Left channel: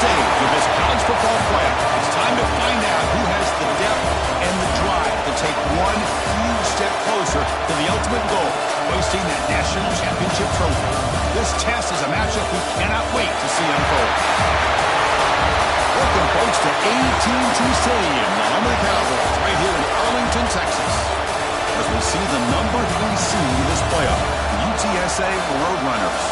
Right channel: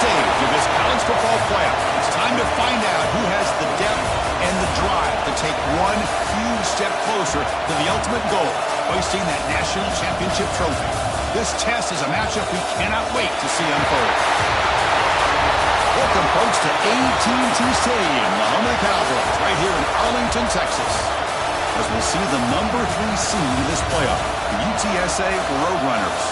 stage of this college football playoff. It's time to find out who has the depth and the drive to take one huge step closer to the ultimate goal, hoisting that national championship trophy. This test is a matchup we cannot wait to see unfold. Welcome, folks, to AT&T Stadium, the home of the Cowboys, right here in Arlington, Texas, as we see the number 3 seed in this playoff, the UTSA Roadrunners,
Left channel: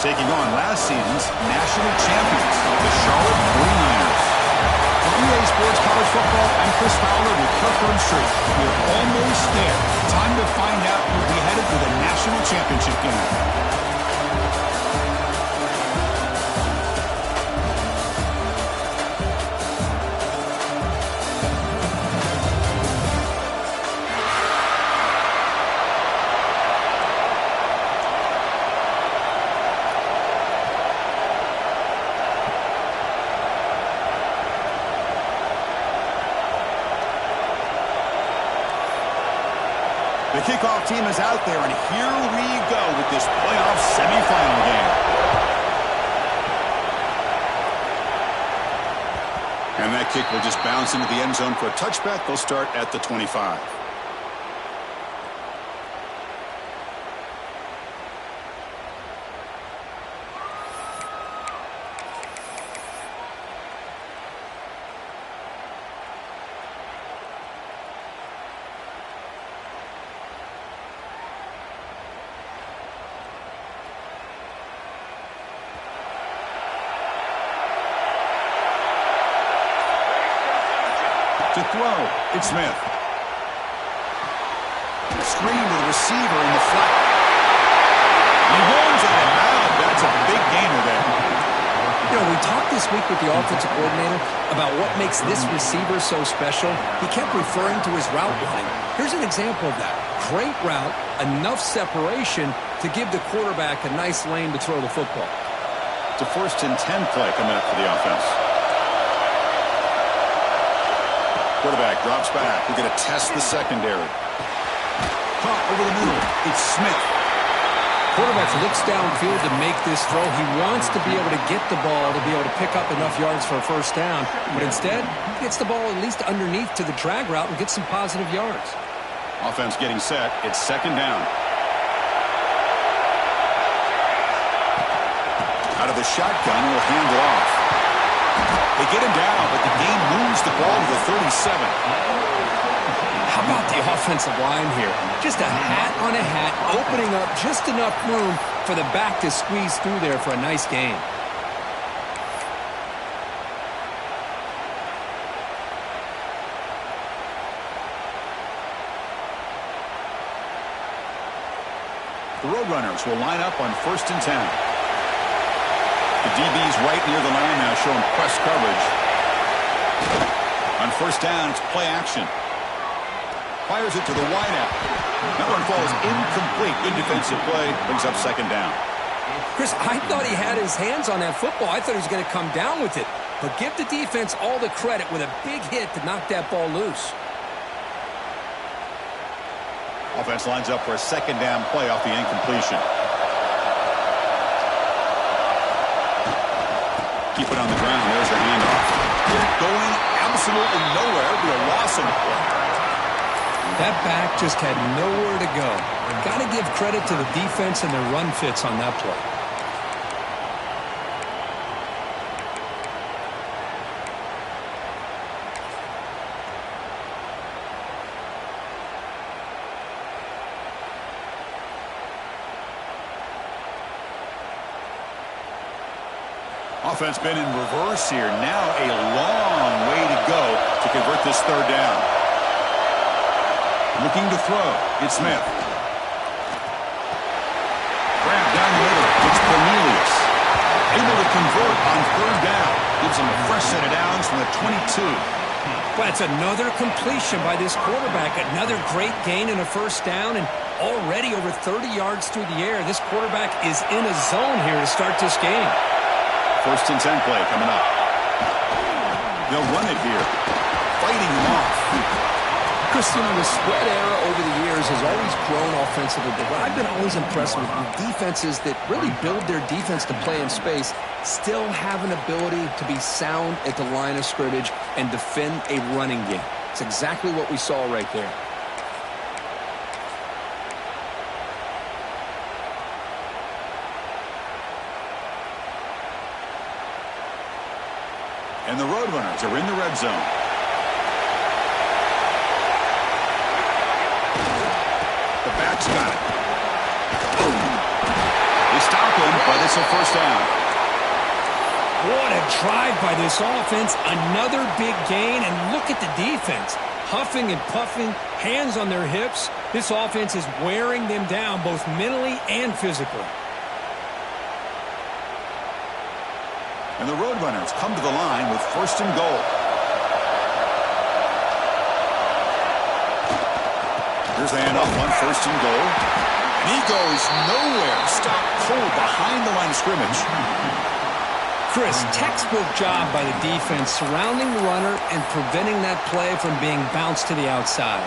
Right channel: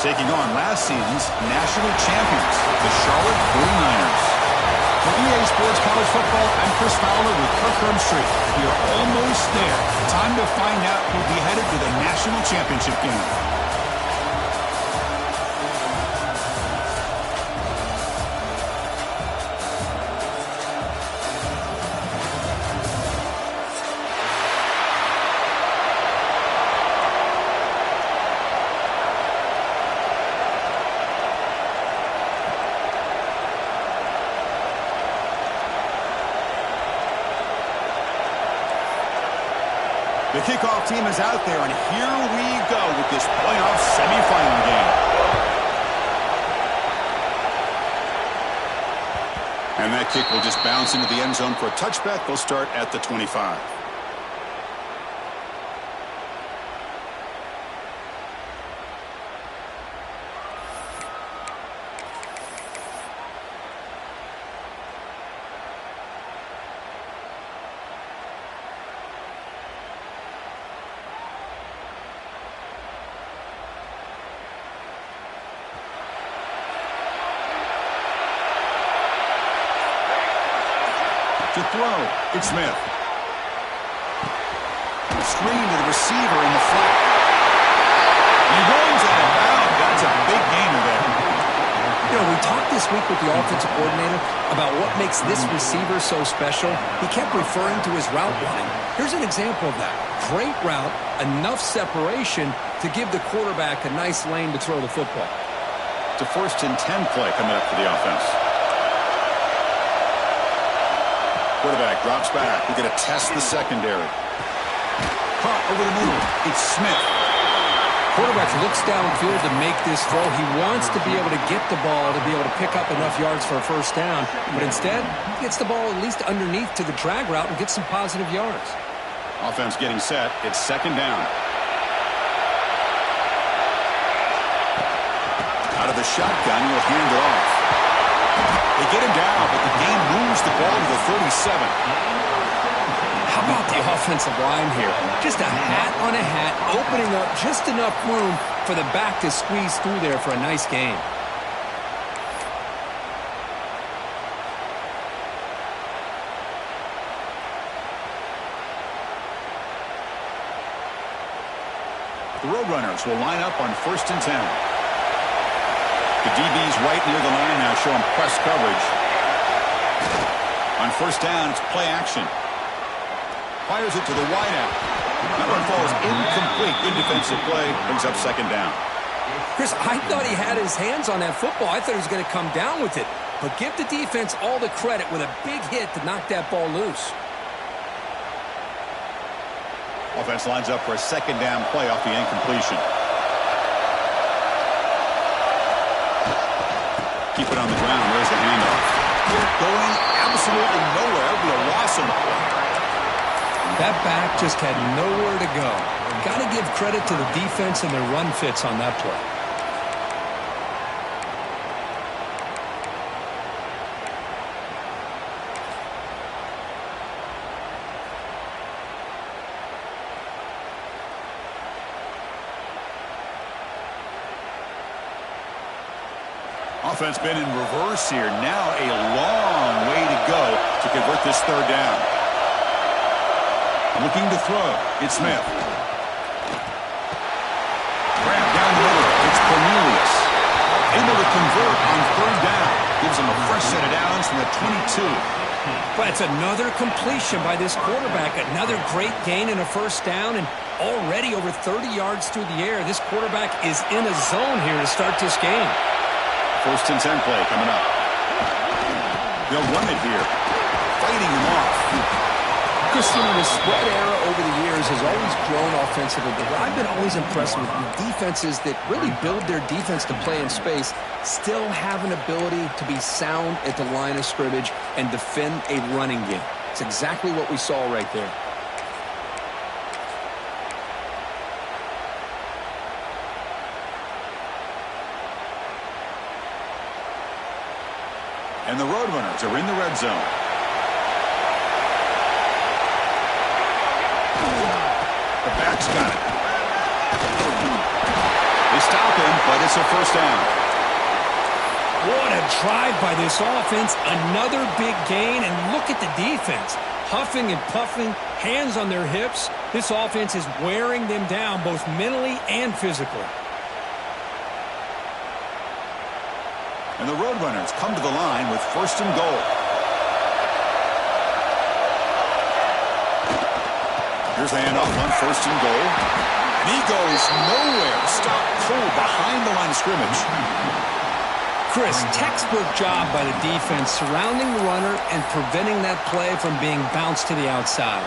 taking on last season's national champions, the Charlotte 49ers. For EA Sports College Football, I'm Chris Fowler with Kirk Herbstreit. We are almost there. Time to find out who'll be headed to the national championship game. The kickoff team is out there, and here we go with this playoff semifinal game. And that kick will just bounce into the end zone for a touchback. They'll start at the 25. To throw, it's Smith. Screen to the receiver in the flat. He runs out of bounds. That's a big gainer there. You know, we talked this week with the offensive coordinator about what makes this receiver so special. He kept referring to his route running. Here's an example of that. Great route, enough separation to give the quarterback a nice lane to throw the football. It's a 1st and 10 play coming up for the offense. Quarterback drops back. We're going to test the secondary. Caught over the middle. It's Smith. Quarterback looks downfield to make this throw. He wants to be able to get the ball to be able to pick up enough yards for a first down. But instead, he gets the ball at least underneath to the drag route and gets some positive yards. Offense getting set. It's 2nd down. Out of the shotgun, he'll hand it off. They get him down, but the game moves the ball to the 37. How about the offensive line here? Just a hat on a hat, opening up just enough room for the back to squeeze through there for a nice gain. The Roadrunners will line up on 1st and 10. The DB's right near the line now, showing press coverage. On 1st down, it's play action. Fires it to the wideout. That one falls incomplete. Good defensive play. Brings up 2nd down. Chris, I thought he had his hands on that football. I thought he was going to come down with it. But give the defense all the credit with a big hit to knock that ball loose. Offense lines up for a 2nd down play off the incompletion. Keep it on the ground. There's the handoff. Going absolutely nowhere. It'll be a loss on the play. That back just had nowhere to go. Got to give credit to the defense and their run fits on that play. Offense been in reverse here. Now a long way to go to convert this 3rd down. Looking to throw. It's Smith. Grab down the middle. It's Cornelius. Able to convert on 3rd down. Gives him a fresh set of downs from the 22. But it's another completion by this quarterback. Another great gain in a 1st down, and already over 30 yards through the air. This quarterback is in a zone here to start this game. 1st and 10 play coming up. They'll run it here. Fighting him off. Chris, the spread era over the years has always grown offensively, but what I've been always impressed with defenses that really build their defense to play in space still have an ability to be sound at the line of scrimmage and defend a running game. It's exactly what we saw right there. And the Roadrunners are in the red zone. The back's got it. They stop him, but it's a first down. What a drive by this offense. Another big gain, and look at the defense. Huffing and puffing, hands on their hips. This offense is wearing them down both mentally and physically. And the Roadrunners come to the line with first and goal. Here's the handoff on first and goal. And he goes nowhere. Stopped cold behind the line of scrimmage. Chris, textbook job by the defense surrounding the runner and preventing that play from being bounced to the outside.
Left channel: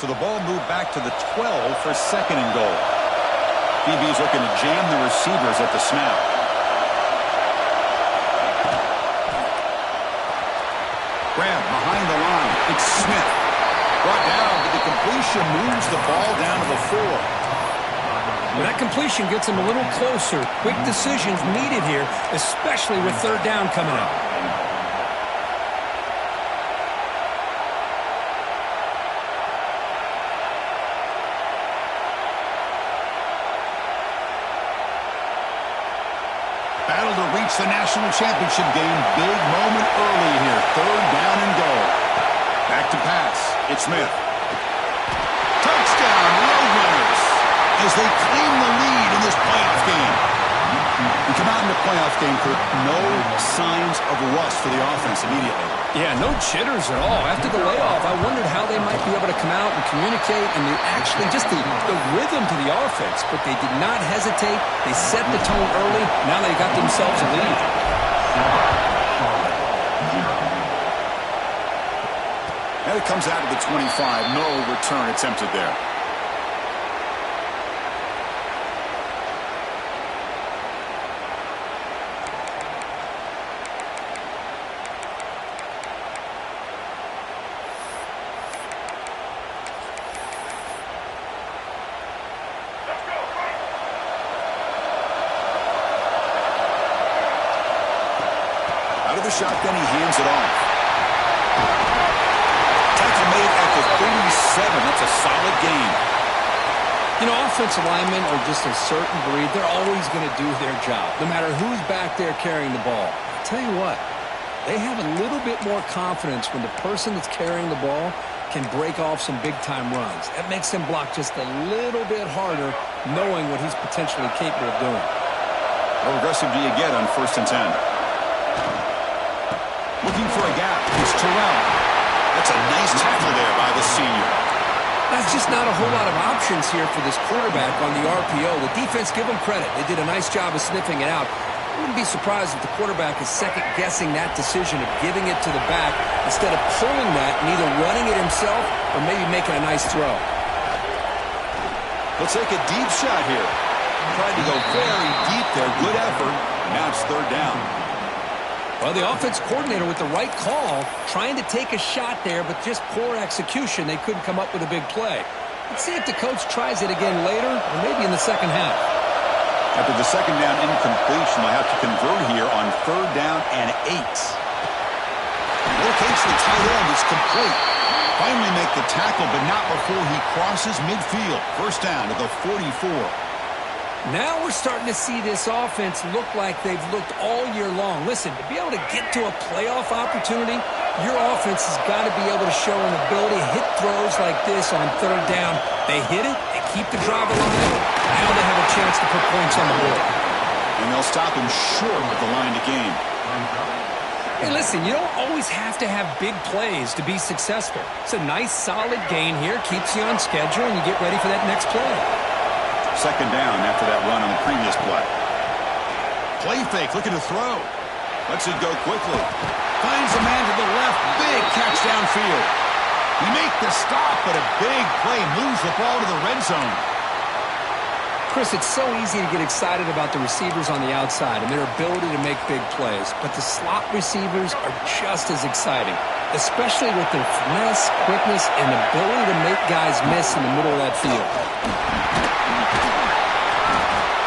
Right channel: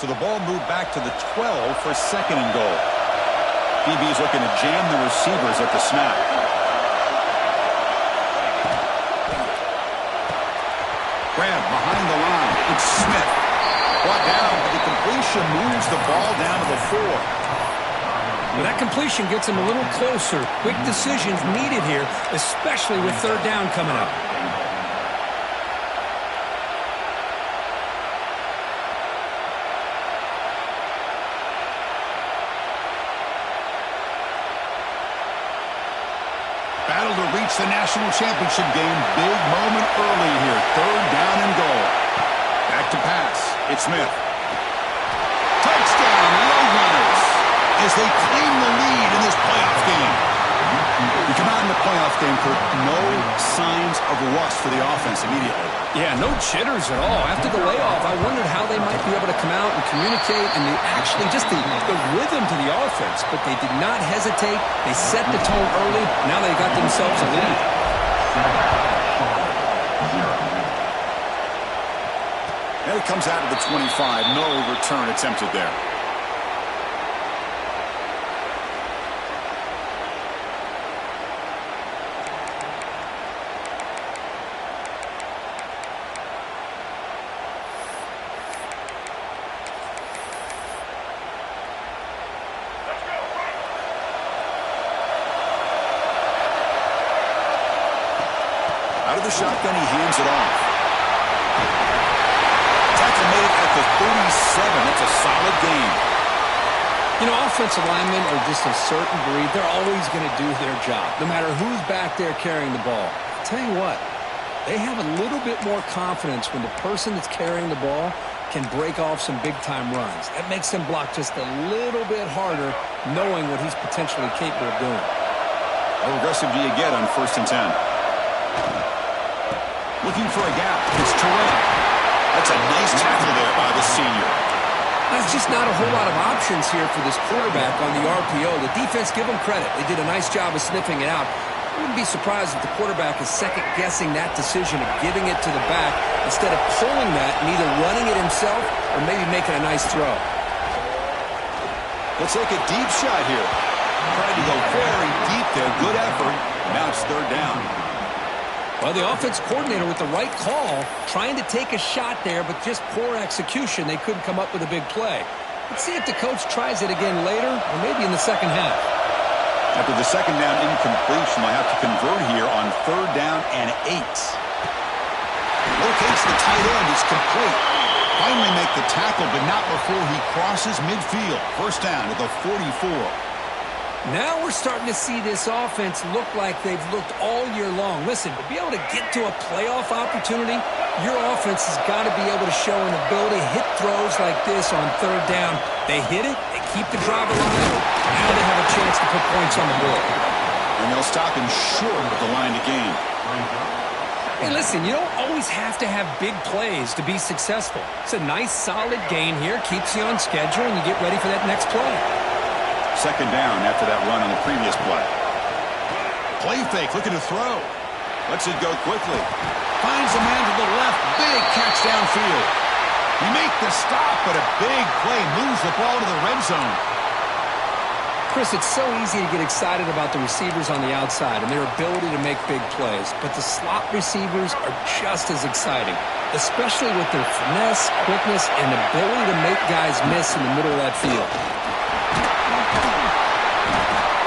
So the ball moved back to the 12 for second and goal. DB's looking to jam the receivers at the snap. Grab behind the line. It's Smith. Brought down, but the completion moves the ball down to the 4. Well, that completion gets him a little closer. Quick decisions needed here, especially with third down coming up. Battle to reach the national championship game. Big moment early here. Third down and goal. Back to pass. It's Smith. Touchdown, Roadrunners, as they claim the lead in this playoff game. We come out in the playoff game, Kirk. No signs of rust for the offense immediately. Yeah, no jitters at all. After the layoff, I wondered how they might be able to come out and communicate and actually just the rhythm to the offense. But they did not hesitate. They set the tone early. Now they got themselves a lead. And it comes out of the 25. No return attempted there. Out of the shotgun, he hands it off. Tackle made at the 37. That's a solid gain. You know, offensive linemen are just a certain breed. They're always going to do their job, no matter who's back there carrying the ball. I'll tell you what, they have a little bit more confidence when the person that's carrying the ball can break off some big-time runs. That makes them block just a little bit harder, knowing what he's potentially capable of doing. How aggressive do you get on first and 10? Looking for a gap. It's Terrell. That's a nice tackle there by the senior. That's just not a whole lot of options here for this quarterback on the RPO. The defense, give them credit. They did a nice job of sniffing it out. I wouldn't be surprised if the quarterback is second-guessing that decision of giving it to the back instead of pulling that and either running it himself or maybe making a nice throw. He'll take a deep shot here. Tried to go very deep there. Good effort. Now it's third down. Well, the offense coordinator with the right call, trying to take a shot there, but just poor execution. They couldn't come up with a big play. Let's see if the coach tries it again later or maybe in the second half. After the second down incompletion, they'll have to convert here on third down and 8. Locates the tight end. It's complete. Finally make the tackle, but not before he crosses midfield. First down at the 44. Now we're starting to see this offense look like they've looked all year long. Listen, to be able to get to a playoff opportunity, your offense has got to be able to show an ability to hit throws like this on third down. They hit it, they keep the drive alive. Now they have a chance to put points on the board. And they'll stop him short with the line to gain. Hey, listen, you don't always have to have big plays to be successful. It's a nice, solid gain here, keeps you on schedule, and you get ready for that next play. Second down after that run on the previous play. Play fake, looking to throw. Lets it go quickly. Finds a man to the left. Big catch downfield. He make the stop, but a big play moves the ball to the red zone. Chris, it's so easy to get excited about the receivers on the outside and their ability to make big plays, but the slot receivers are just as exciting, especially with their finesse, quickness, and ability to make guys miss in the middle of that field.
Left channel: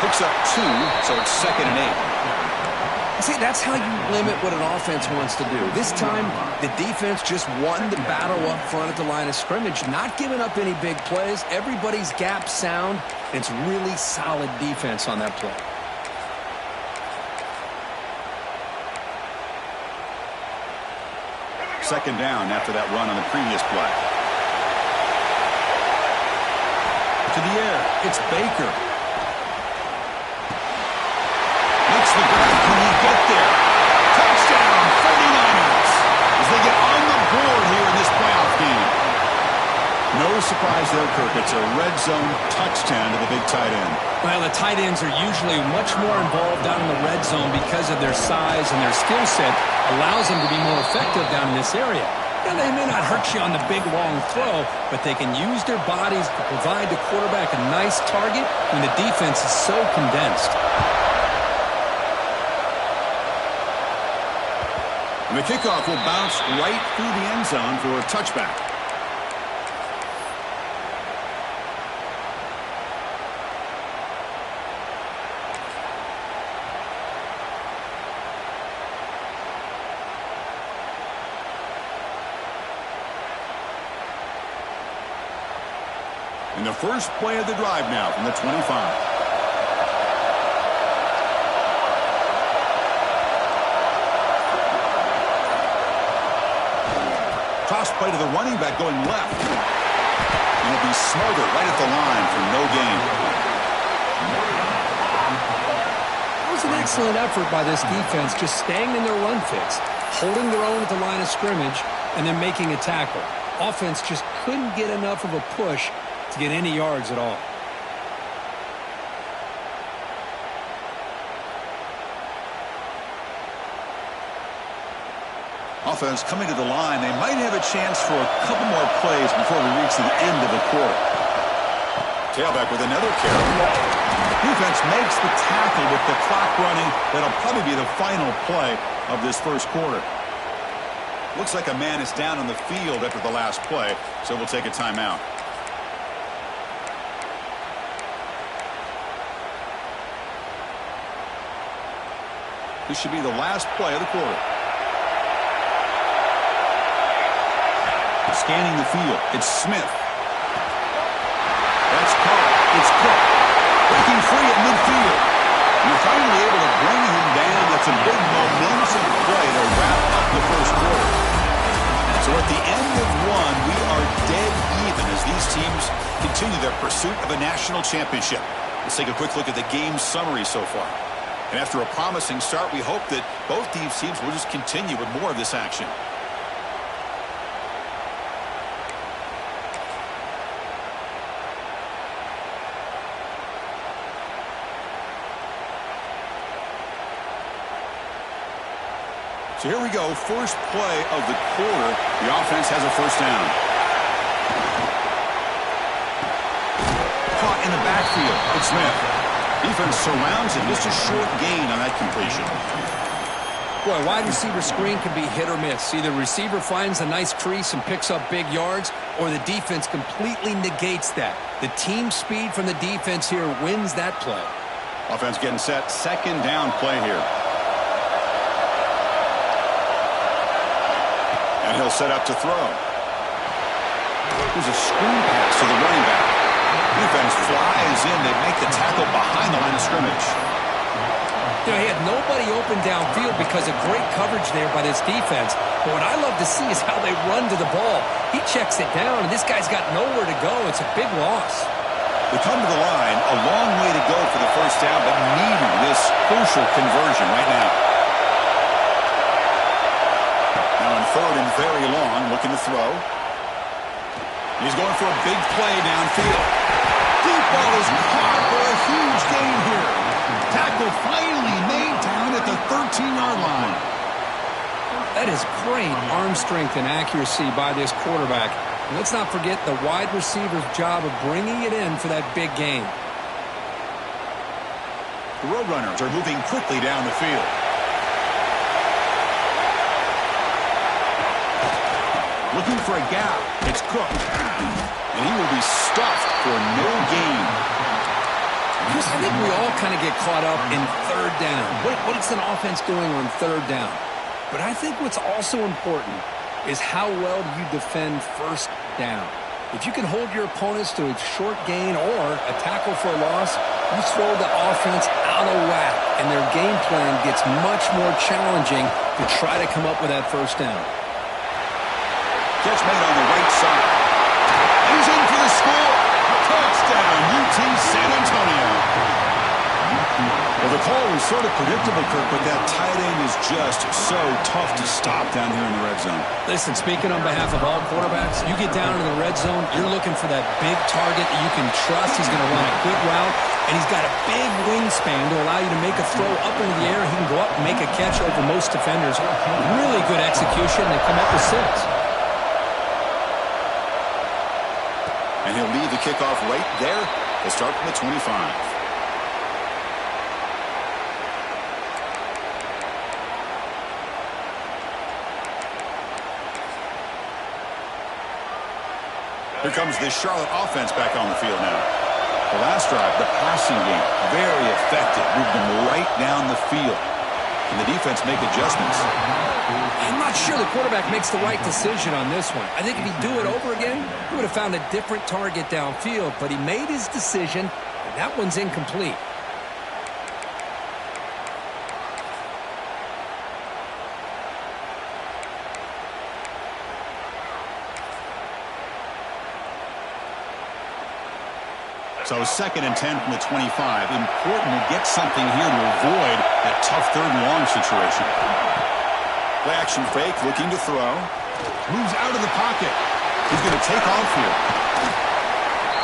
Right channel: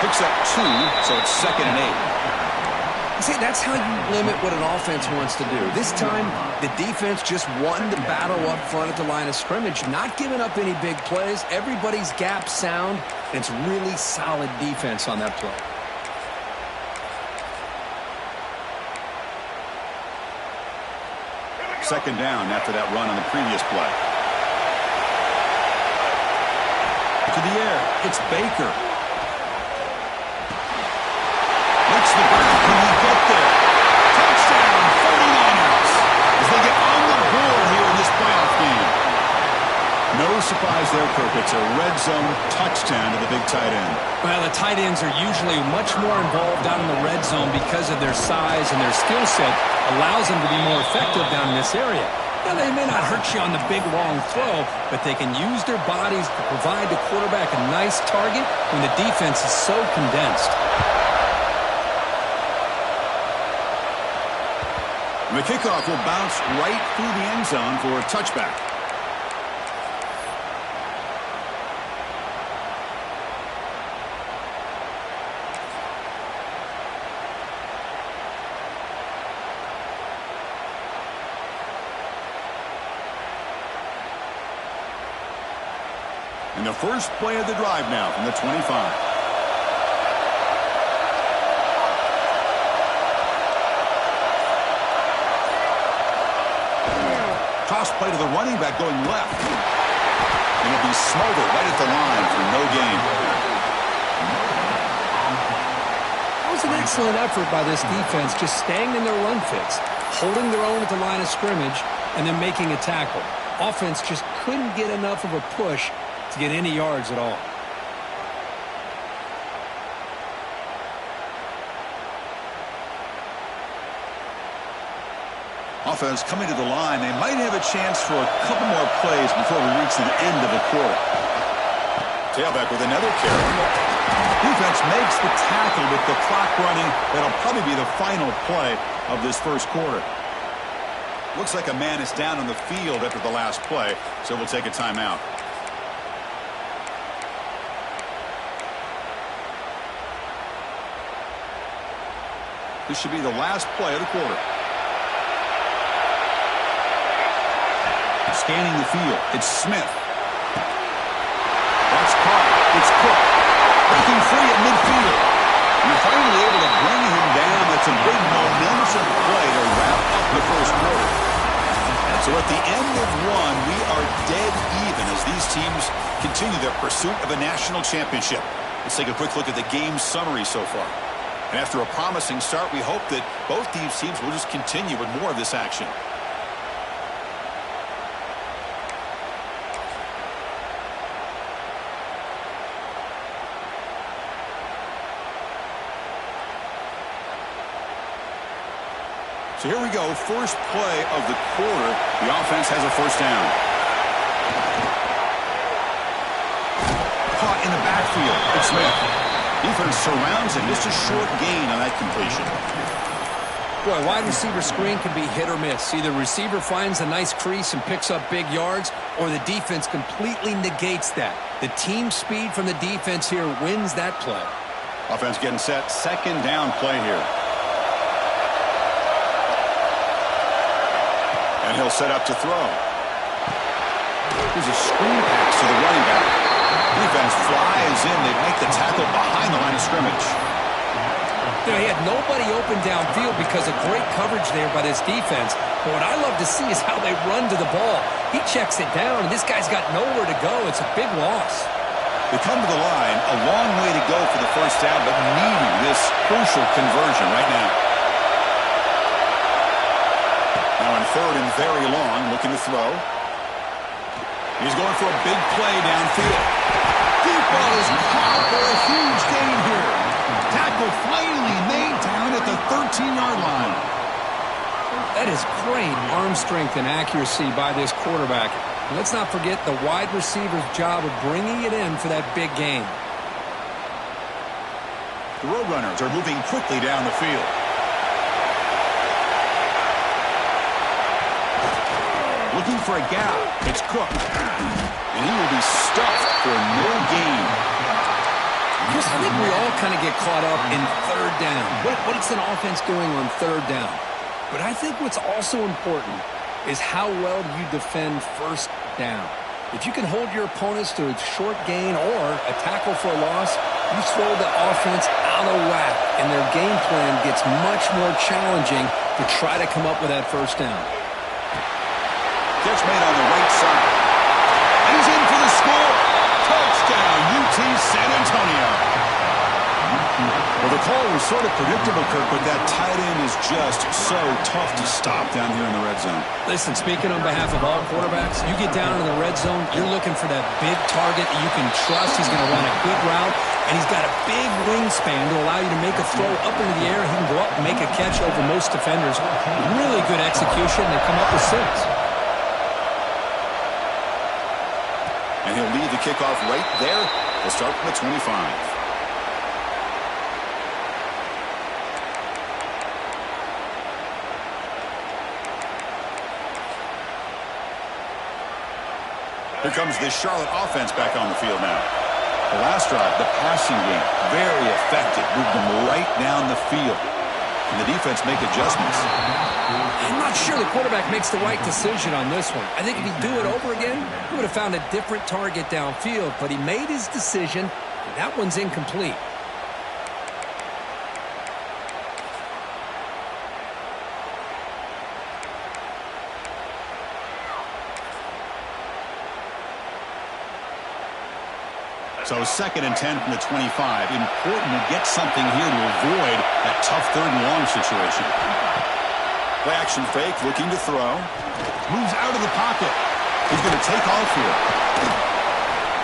Picks up 2, so it's 2nd and 8. See, that's how you limit what an offense wants to do. This time, the defense just won the battle up front at the line of scrimmage, not giving up any big plays. Everybody's gap sound, and it's really solid defense on that play. Second down after that run on the previous play. To the air, it's Baker. Makes the grab. Can he get there? Touchdown, 49ers, as they get on the board here in this playoff game. No surprise there, Kirk. It's a red zone touchdown to the big tight end. Well, the tight ends are usually much more involved down in the red zone because of their size, and their skill set allows them to be more effective down in this area. Now, they may not hurt you on the big, long throw, but they can use their bodies to provide the quarterback a nice target when the defense is so condensed. And the kickoff will bounce right through the end zone for a touchback. And the first play of the drive now from the 25. Toss play to the running back going left. And it'll be Smothered right at the line for no gain. That was an excellent effort by this defense, just staying in their run fix, holding their own at the line of scrimmage, and then making a tackle. Offense just couldn't get enough of a push to get any yards at all. Offense coming to the line. They might have a chance for a couple more plays before we reach the end of the quarter. Tailback with another carry. Defense makes the tackle with the clock running. That'll probably be the final play of this first quarter. Looks like a man is down on the field after the last play, so we'll take a timeout. This should be the last play of the quarter. Scanning the field, it's Smith. That's Carr. It's Cook. Breaking free at midfield. And you're finally able to bring him down. That's a big momentum play to wrap up the first quarter. So at the end of one, we are dead even as these teams continue their pursuit of a national championship. Let's take a quick look at the game summary so far. And after a promising start, we hope that both these teams will just continue with more of this action. So here we go, first play of the quarter. The offense has a first down. Caught in the backfield. It's Smith. Defense surrounds him. Just a short gain on that completion. Boy, wide receiver screen can be hit or miss. Either receiver finds a nice crease and picks up big yards, or the defense completely negates that. The team speed from the defense here wins that play. Offense getting set. Second down play here. And he'll set up to throw. There's a screen pass to the running back. Defense flies in. They make the tackle behind the line of scrimmage. You know, he had nobody open downfield because of great coverage there by this defense. But what I love to see is how they run to the ball. He checks it down, and this guy's got nowhere to go. It's a big loss. They come to the line. A long way to go for the first down, but needing this crucial conversion right now. Now on third and very long, looking to throw. He's going for a big play downfield. Deep ball is caught for a huge gain here. Tackle finally made down at the 13-yard line. That is great arm strength and accuracy by this quarterback. And let's not forget the wide receiver's job of bringing it in for that big gain. The Roadrunners are moving quickly down the field. Looking for a gap. It's Cook. And he will be stuffed for no gain. Chris, I think we all kind of get caught up in third down. What is an offense doing on third down? But I think what's also important is how well do you defend first down. If you can hold your opponents to a short gain or a tackle for a loss, you throw the offense out of whack, and their game plan gets much more challenging to try to come up with that first down. Catch made on the right side. And he's in for the score. Touchdown, UT San Antonio. Well, the call was sort of predictable, Kirk, but that tight end is just so tough to stop down here in the red zone. Listen, speaking on behalf of all quarterbacks, you get down in the red zone, you're looking for that big target that you can trust. He's going to run a good route, and he's got a big wingspan to allow you to make a throw up into the air. He can go up and make a catch over most defenders. Really good execution. They come up with 6. And he'll lead the kickoff right there. They'll start from the 25. Here comes this Charlotte offense back on the field now. The last drive, the passing game, very effective. Moved them right down the field. And the defense make adjustments. I'm not sure the quarterback makes the right decision on this one. I think if he'd do it over again, he would have found a different target downfield. But he made his decision, and that one's incomplete. So 2nd and 10 from the 25. Important to get something here to avoid that tough 3rd and long situation. Play action fake, looking to throw. Moves out of the pocket. He's going to take off here.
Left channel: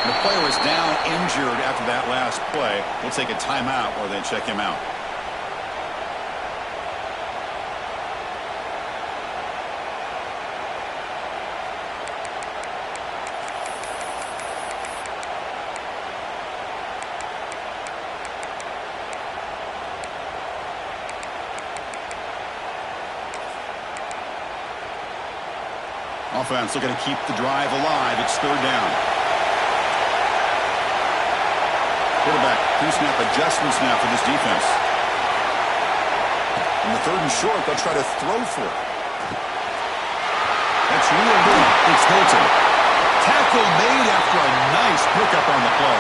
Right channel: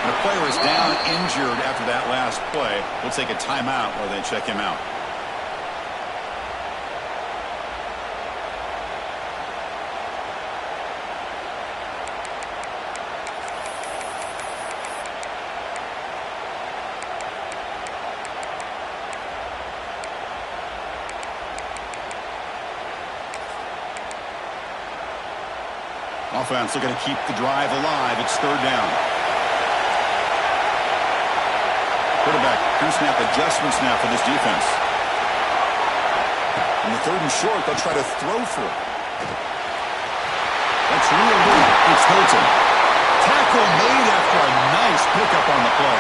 And the player is down injured after that last play. We'll take a timeout while they check him out. Offense looking to keep the drive alive. It's 3rd down. Quarterback, pre-snap adjustments now for this defense. On the 3rd and short, they'll try to throw for it. That's real good. It's Hilton. Tackle made after a nice pickup on the play.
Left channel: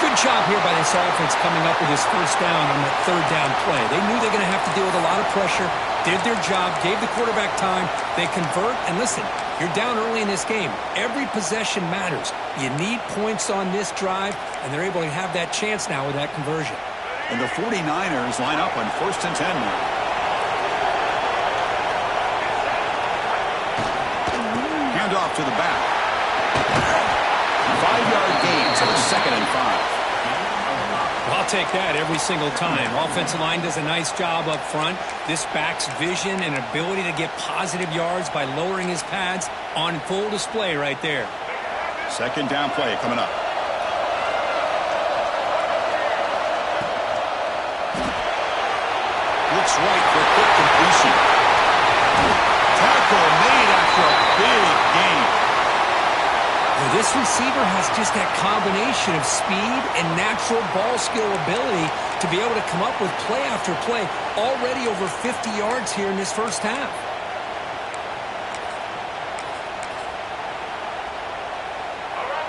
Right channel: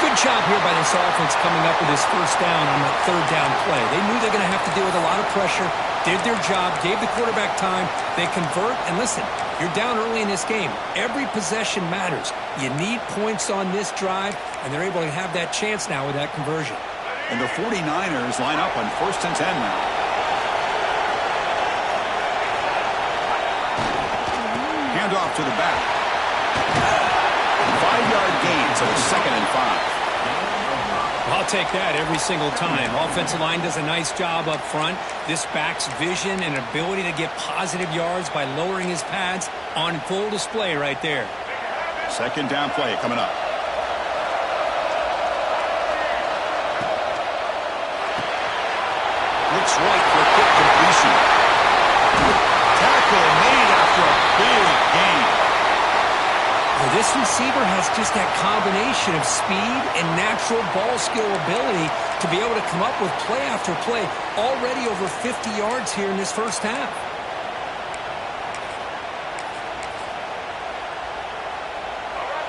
Good job here by this offense coming up with his first down on that 3rd down play. They knew they were going to have to deal with a lot of pressure, did their job, gave the quarterback time. They convert, and listen, you're down early in this game. Every possession matters. You need points on this drive, and they're able to have that chance now with that conversion. And the 49ers line up on 1st and 10 now. Hand off to the back. 5-yard gain, so it's 2nd and 5. I'll take that every single time. Offensive line does a nice job up front. This back's vision and ability to get positive yards by lowering his pads on full display right there. 2nd down play coming up. Looks right for a quick completion. Tackle made after a big gain. This receiver has just that combination of speed and natural ball skill ability to be able to come up with play after play. Already over 50 yards here in this first half.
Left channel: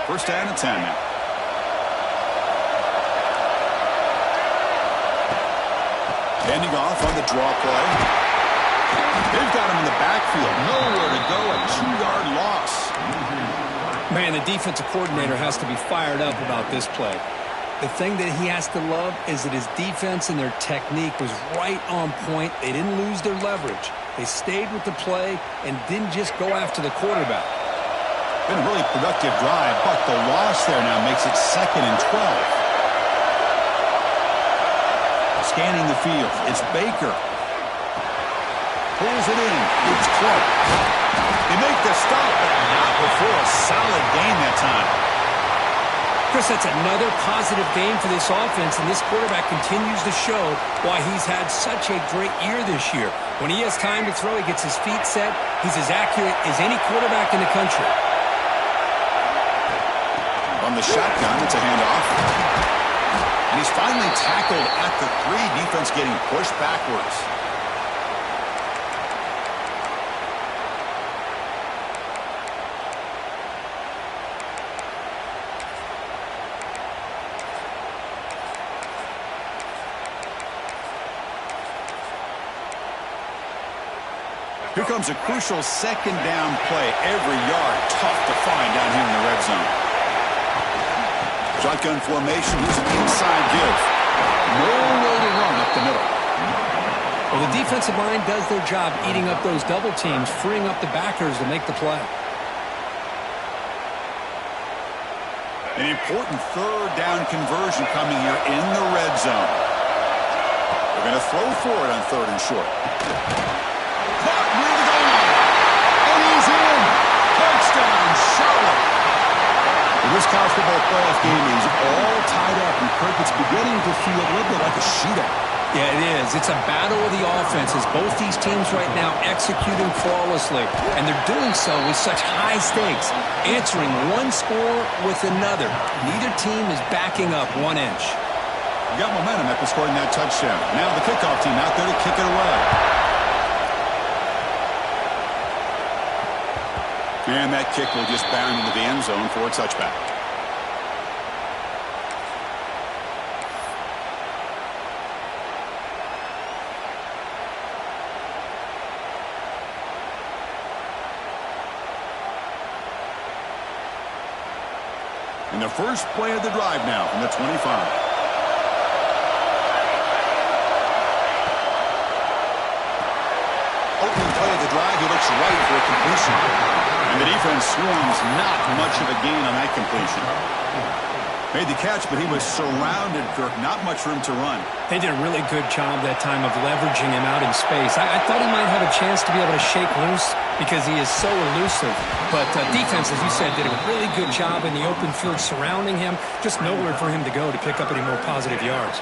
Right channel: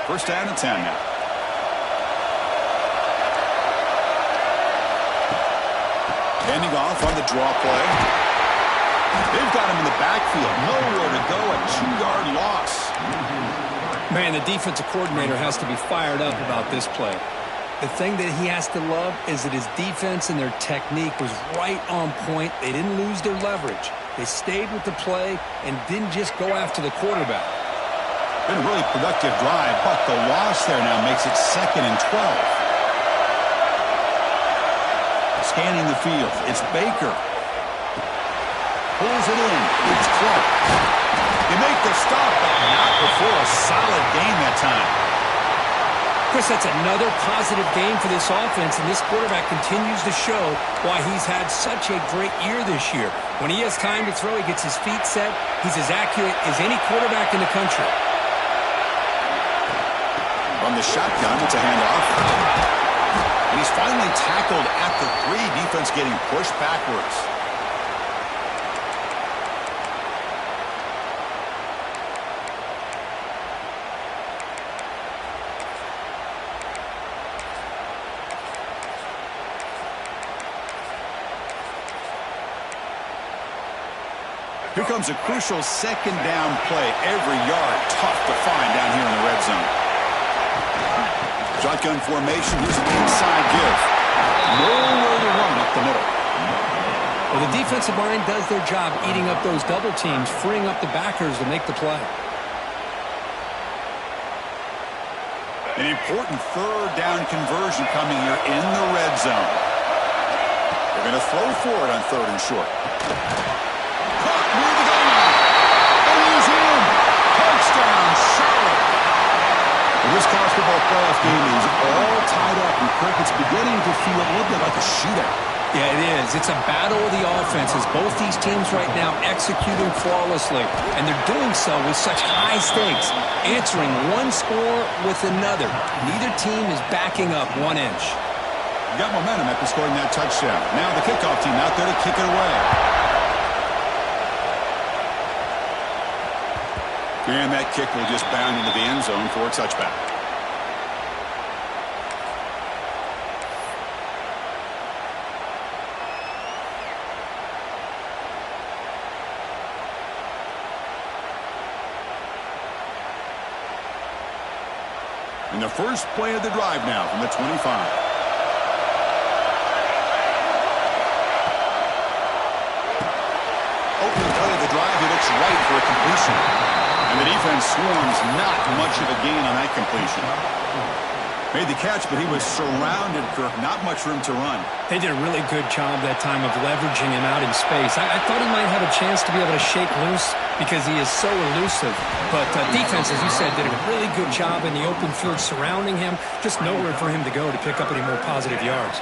First down and 10 now. Handing off on the draw play. They've got him in the backfield. Nowhere to go. A 2-yard loss. Man, the defensive coordinator has to be fired up about this play. The thing that he has to love is that his defense and their technique was right on point. They didn't lose their leverage. They stayed with the play and didn't just go after the quarterback. Been a really productive drive, but the loss there now makes it 2nd and 12. Scanning the field. It's Baker. Pulls it in. It's close. They make the stop, but not before a solid gain that time. Chris, that's another positive game for this offense, and this quarterback continues to show why he's had such a great year this year. When he has time to throw, he gets his feet set. He's as accurate as any quarterback in the country. On the shotgun, it's a handoff. And he's finally tackled at the 3. Defense getting pushed backwards. Here comes a crucial second down play. Every yard tough to find down here in the red zone. Shotgun formation. Here's an inside give. Nowhere to run up the middle. Well, the defensive line does their job eating up those double teams, freeing up the backers to make the play. An important third down conversion coming here in the red zone. They're going to throw for it on 3rd and short. Caught near the goal line. And he's in. Touchdown, Charlotte. Well, this college football playoff game is all tied up, and Kirk, it's beginning to feel a little bit like a shootout. Yeah, it is. It's a battle of the offenses. Both these teams right now executing flawlessly, and they're doing so with such high stakes, answering one score with another. Neither team is backing up 1 inch. You got momentum after scoring that touchdown. Now the kickoff team out there to kick it away. And that kick will just bound into the end zone for a touchback. And the first play of the drive now from the 25. Opening play of the drive, he looks right for a completion. And the defense swarms, not much of a gain on that completion. Made the catch, but he was surrounded, Kirk. Not much room to run. They did a really good job that time of leveraging him out in space. I thought he might have a chance to be able to shake loose because he is so elusive. But defense, as you said, did a really good job in the open field surrounding him. Just nowhere for him to go to pick up any more positive yards.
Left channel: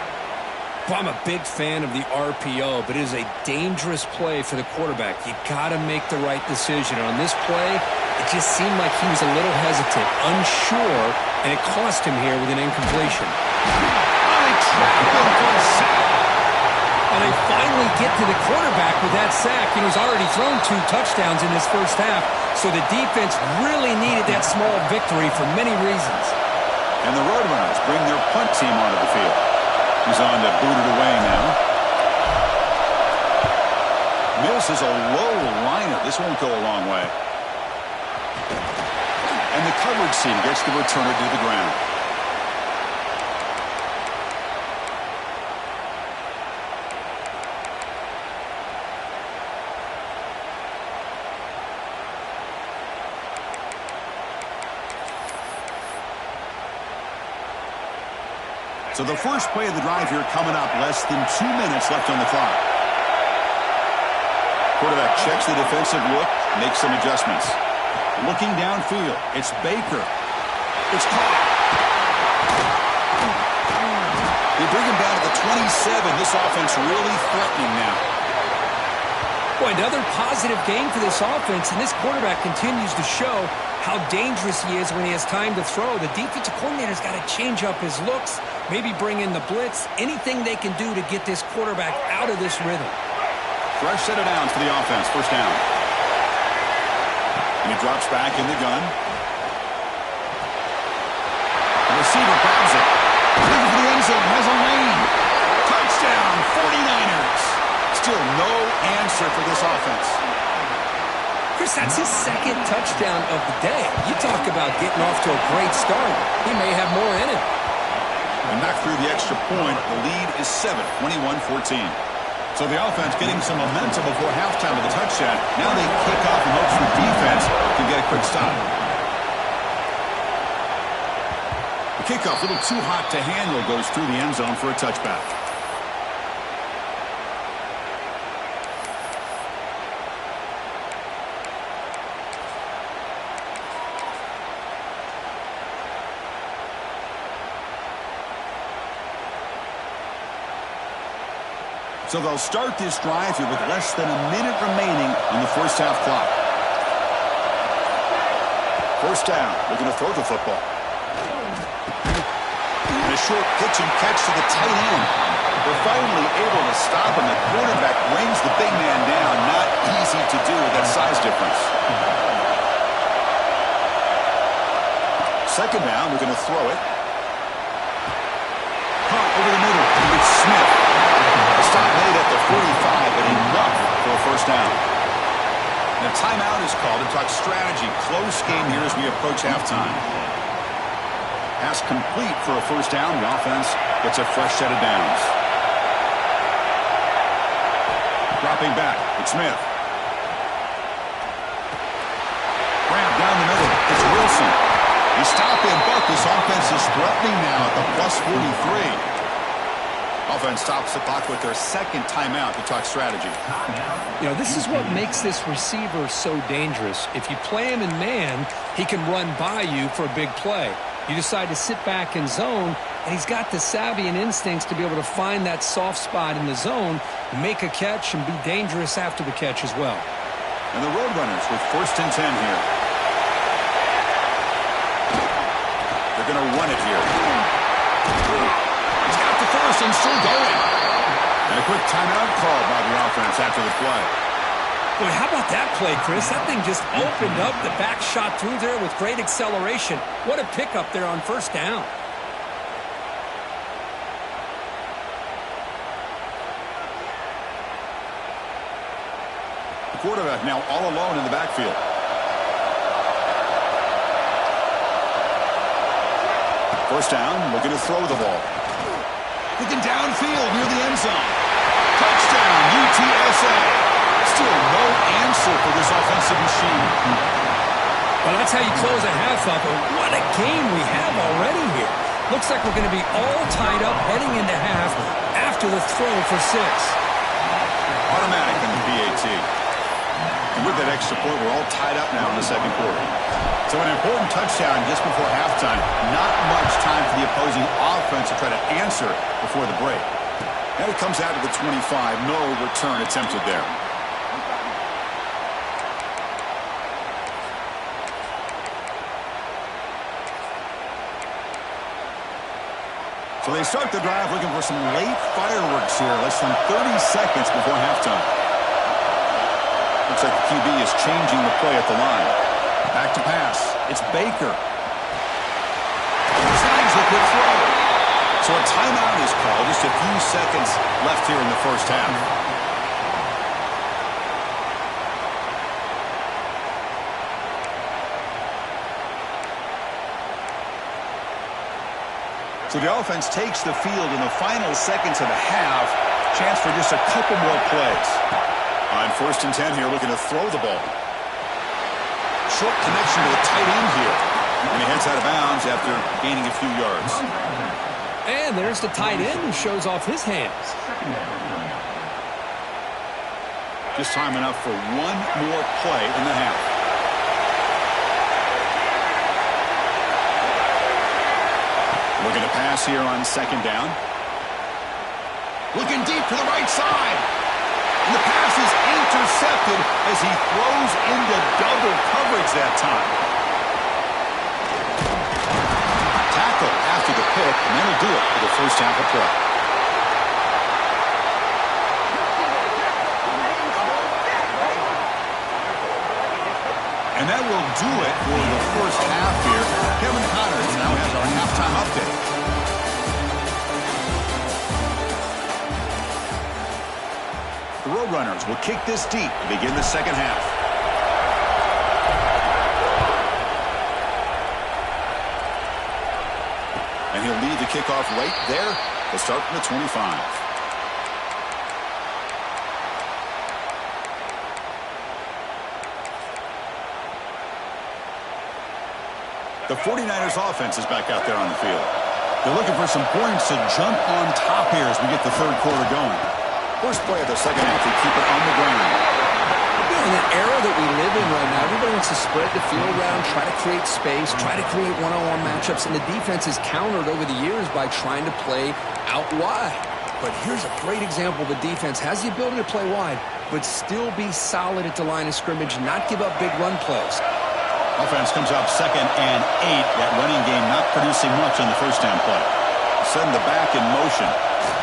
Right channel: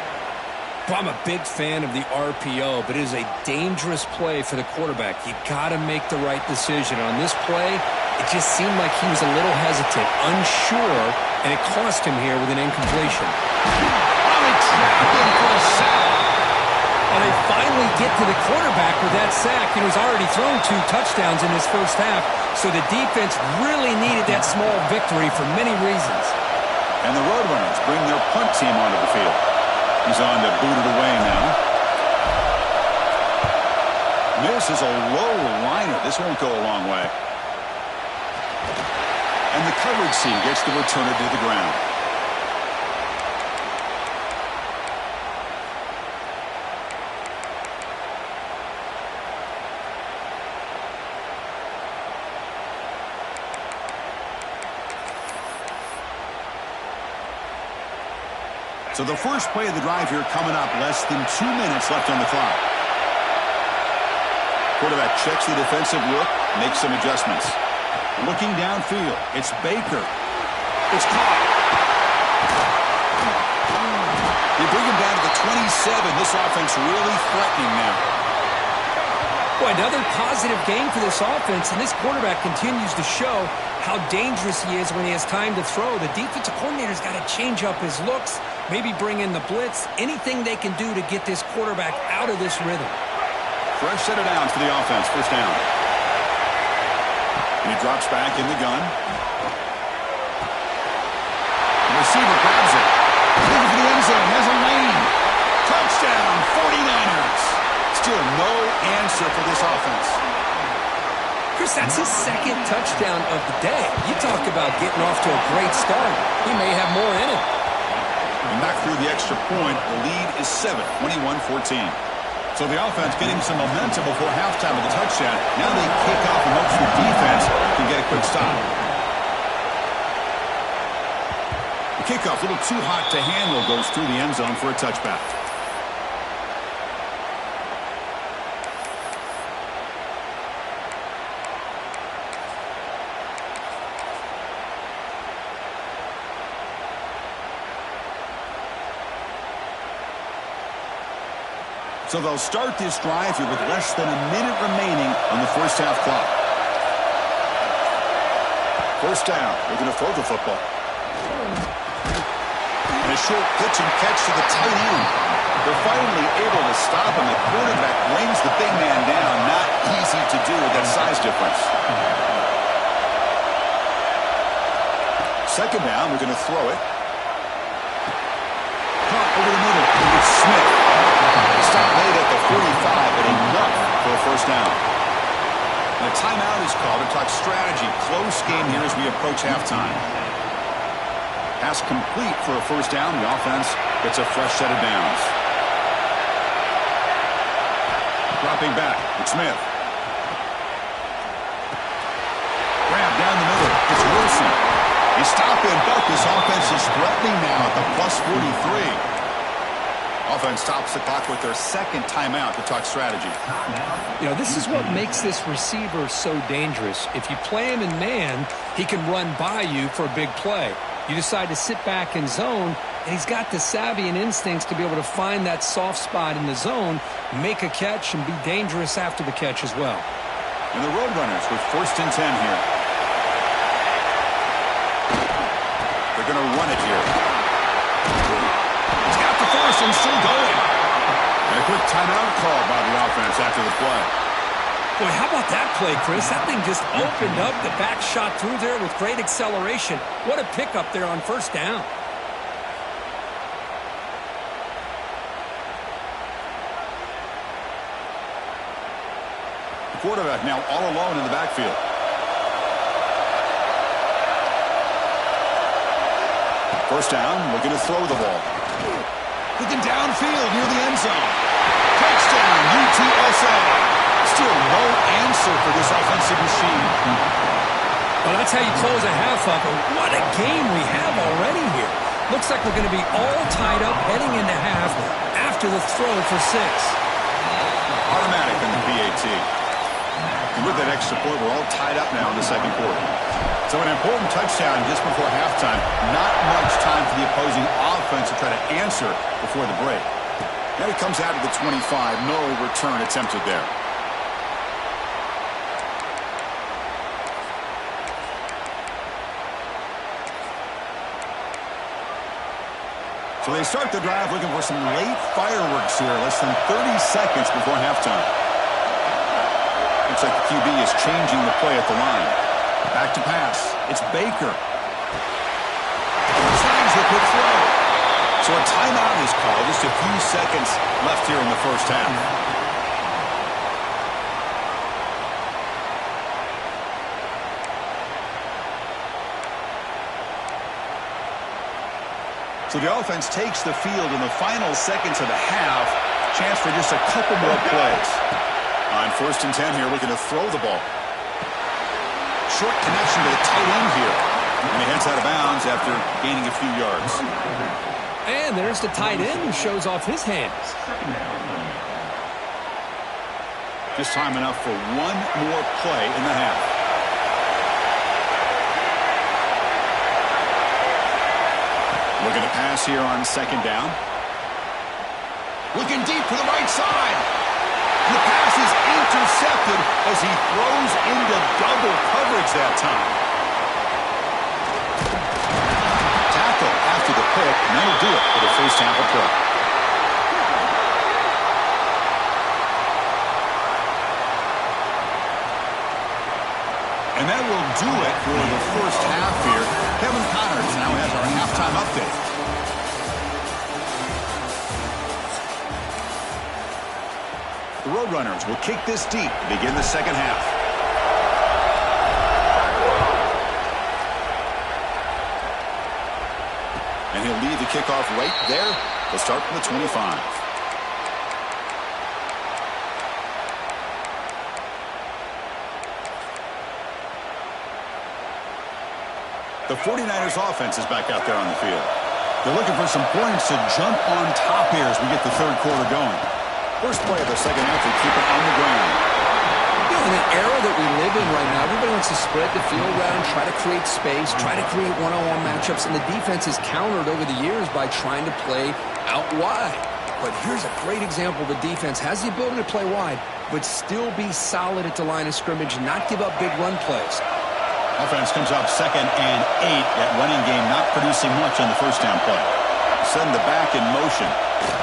Well, I'm a big fan of the RPO, but it is a dangerous play for the quarterback. You got to make the right decision. And on this play, it just seemed like he was a little hesitant, unsure, and it cost him here with an incompletion. Oh, they trap him for a sack. And they finally get to the quarterback with that sack. You know, he's already thrown 2 touchdowns in this first half, so the defense really needed that small victory for many reasons. And the Roadrunners bring their punt team onto the field. He's on to boot it away now. This is a low liner. This won't go a long way. And the coverage team gets the returner to the ground. So the first play of the drive here coming up, less than 2 minutes left on the clock. Quarterback checks the defensive look, makes some adjustments. Looking downfield, it's Baker. It's caught. They bring him down to the 27. This offense really threatening now. Boy, another positive game for this offense, and this quarterback continues to show how dangerous he is when he has time to throw. The defensive coordinator's got to change up his looks, maybe bring in the blitz, anything they can do to get this quarterback out of this rhythm. Fresh set of downs for the offense, first down. And he drops back in the gun. The receiver grabs it. Looking for the end zone, has a lane. Touchdown, 49ers. Still no answer for this offense. Chris, that's his second touchdown of the day. You talk about getting off to a great start. He may have more in him. And back through the extra point, the lead is 7, 21-14. So the offense getting some momentum before halftime with the touchdown. Now they kick off in hopes the defense can get a quick stop. The kickoff, a little too hot to handle, goes through the end zone for a touchback. So they'll start this drive here with less than a minute remaining on the first half clock. First down, looking to throw the football. And a short pitch and catch to the tight end. They're finally able to stop him. The quarterback brings the big man down. Not easy to do with that size difference. Second down, we're going to throw it. Caught over the middle. It's Smith. The stop late at the 45, but enough for a first down. And a timeout is called to talk strategy. Close game here as we approach halftime. Pass complete for a first down. The offense gets a fresh set of downs. Dropping back, it's Smith. Grab down the middle, it's Wilson. They stop in, but this offense is threatening now at the plus 43. Offense stops the clock with their second timeout to talk strategy. You know, this is what makes this receiver so dangerous. If you play him in man, he can run by you for a big play. You decide to sit back in zone, and he's got the savvy and instincts to be able to find that soft spot in the zone, make a catch, and be dangerous after the catch as well. And the Roadrunners with 1st and 10 here. They're going to run it here. He's got the first and still going. And a quick timeout called by the offense after the play. Boy, how about that play, Chris? That thing just opened up. The back shot through there with great acceleration. What a pickup there on first down. The quarterback now all alone in the backfield. First down, looking to throw the ball. Looking downfield near the end zone. Touchdown, UTSA. Still no answer for this offensive machine. Well, that's how you close a half up. And what a game we have already here. Looks like we're going to be all tied up heading into half after the throw for 6. Automatic on the PAT. And with that extra point, we're all tied up now in the second quarter. So an important touchdown just before halftime. Not much time for the opposing offense to try to answer before the break. And it comes out to the 25. No return attempted there. So they start the drive looking for some late fireworks here, less than 30 seconds before halftime. Looks like the QB is changing the play at the line. Back to pass. It's Baker. Snags the quick throw. So a timeout is called. Just a few seconds left here in the first half. So the offense takes the field in the final seconds of the half. Chance for just a couple more plays. On 1st and 10 here, looking to throw the ball. Short connection to the tight end here. And he heads out of bounds after gaining a few yards. And there's the tight end who shows off his hands. Just time enough for one more play in the half. Looking to pass here on 2nd down. Looking deep to the right side. And the pass is intercepted as he throws into double coverage that time. Tackle after the pick, and that'll do it for the first half of play. And that will do it for the first half here. Kevin Connors now has our halftime update. The Roadrunners will kick this deep to begin the second half. And he'll lead the kickoff right there. They'll start from the 25. The 49ers offense is back out there on the field. They're looking for some points to jump on top here as we get the third quarter going. First play of the second half, they keep it on the ground. You know, in an era that we live in right now, everybody wants to spread the field around, try to create space, try to create one-on-one matchups, and the defense is countered over the years by trying to play out wide. But here's a great example. The defense has the ability to play wide, but still be solid at the line of scrimmage, not give up big run plays. Offense comes up 2nd and 8. That running game not producing much on the first down play. Send the back in motion.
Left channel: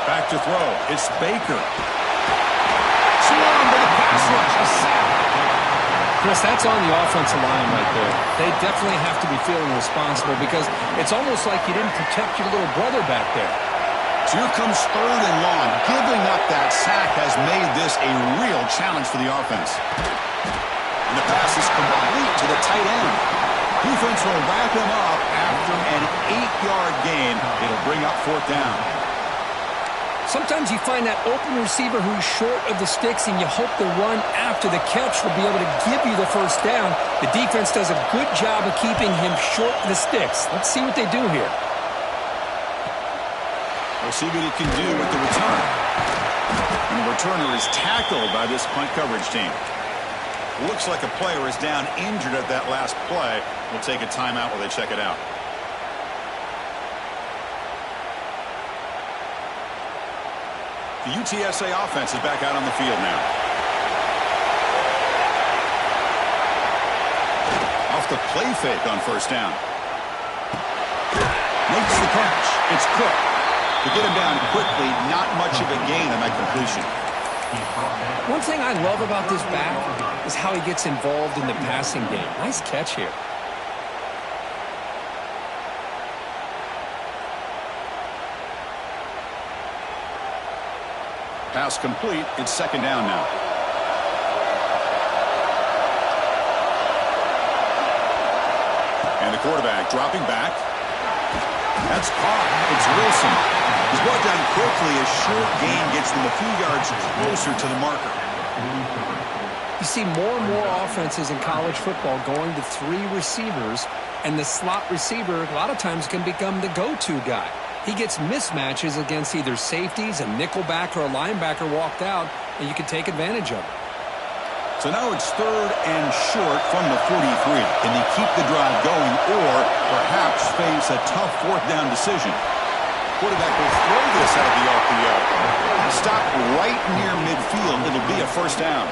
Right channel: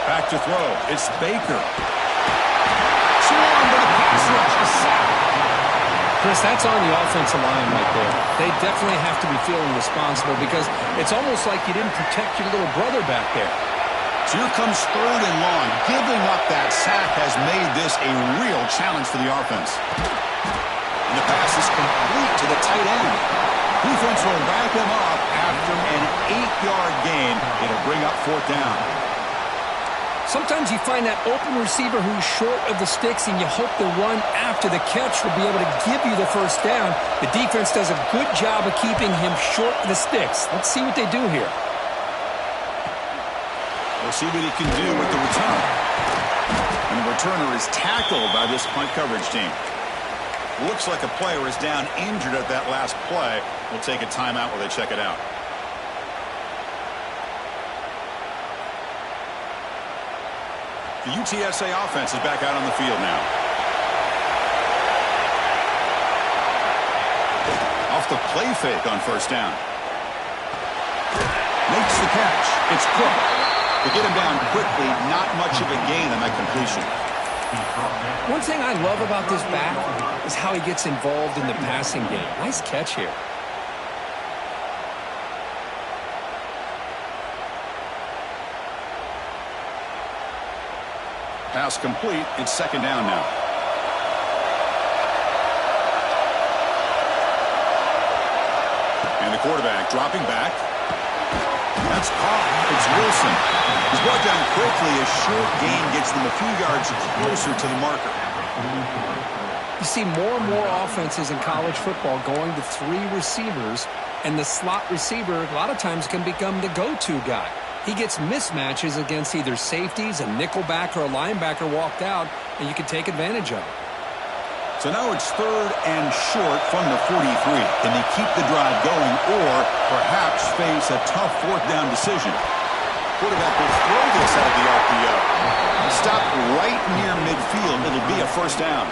Back to throw. It's Baker. Swarm with a pass rush. A sack. Chris, that's on the offensive line right there. They definitely have to be feeling responsible because it's almost like you didn't protect your little brother back there. So here comes 3rd and long. Giving up that sack has made this a real challenge for the offense. And the pass is complete to the tight end. Defense will wrap him up after an 8-yard gain. It'll bring up 4th down. Sometimes you find that open receiver who's short of the sticks, and you hope the run after the catch will be able to give you the first down. The defense does a good job of keeping him short of the sticks. Let's see what they do here. We'll see what he can do with the return. And the returner is tackled by this punt coverage team. Looks like a player is down injured at that last play. We'll take a timeout while they check it out. The UTSA offense is back out on the field now. Off the play fake on first down. Makes the catch. It's Cook. To get him down quickly, not much of a gain on that completion. One thing I love about this back is how he gets involved in the passing game. Nice catch here. Pass complete. It's 2nd down now. And the quarterback dropping back. That's caught. It's Wilson. He's brought down quickly. A short gain gets them a few yards closer to the marker. You see more and more offenses in college football going to 3 receivers, and the slot receiver a lot of times can become the go-to guy. He gets mismatches against either safeties, a nickelback, or a linebacker walked out, and you can take advantage of it. So now it's 3rd and short from the 43. Can they keep the drive going or perhaps face a tough 4th down decision? Quarterback will throw this out of the RPO. Stop right near midfield. It'll be a first down.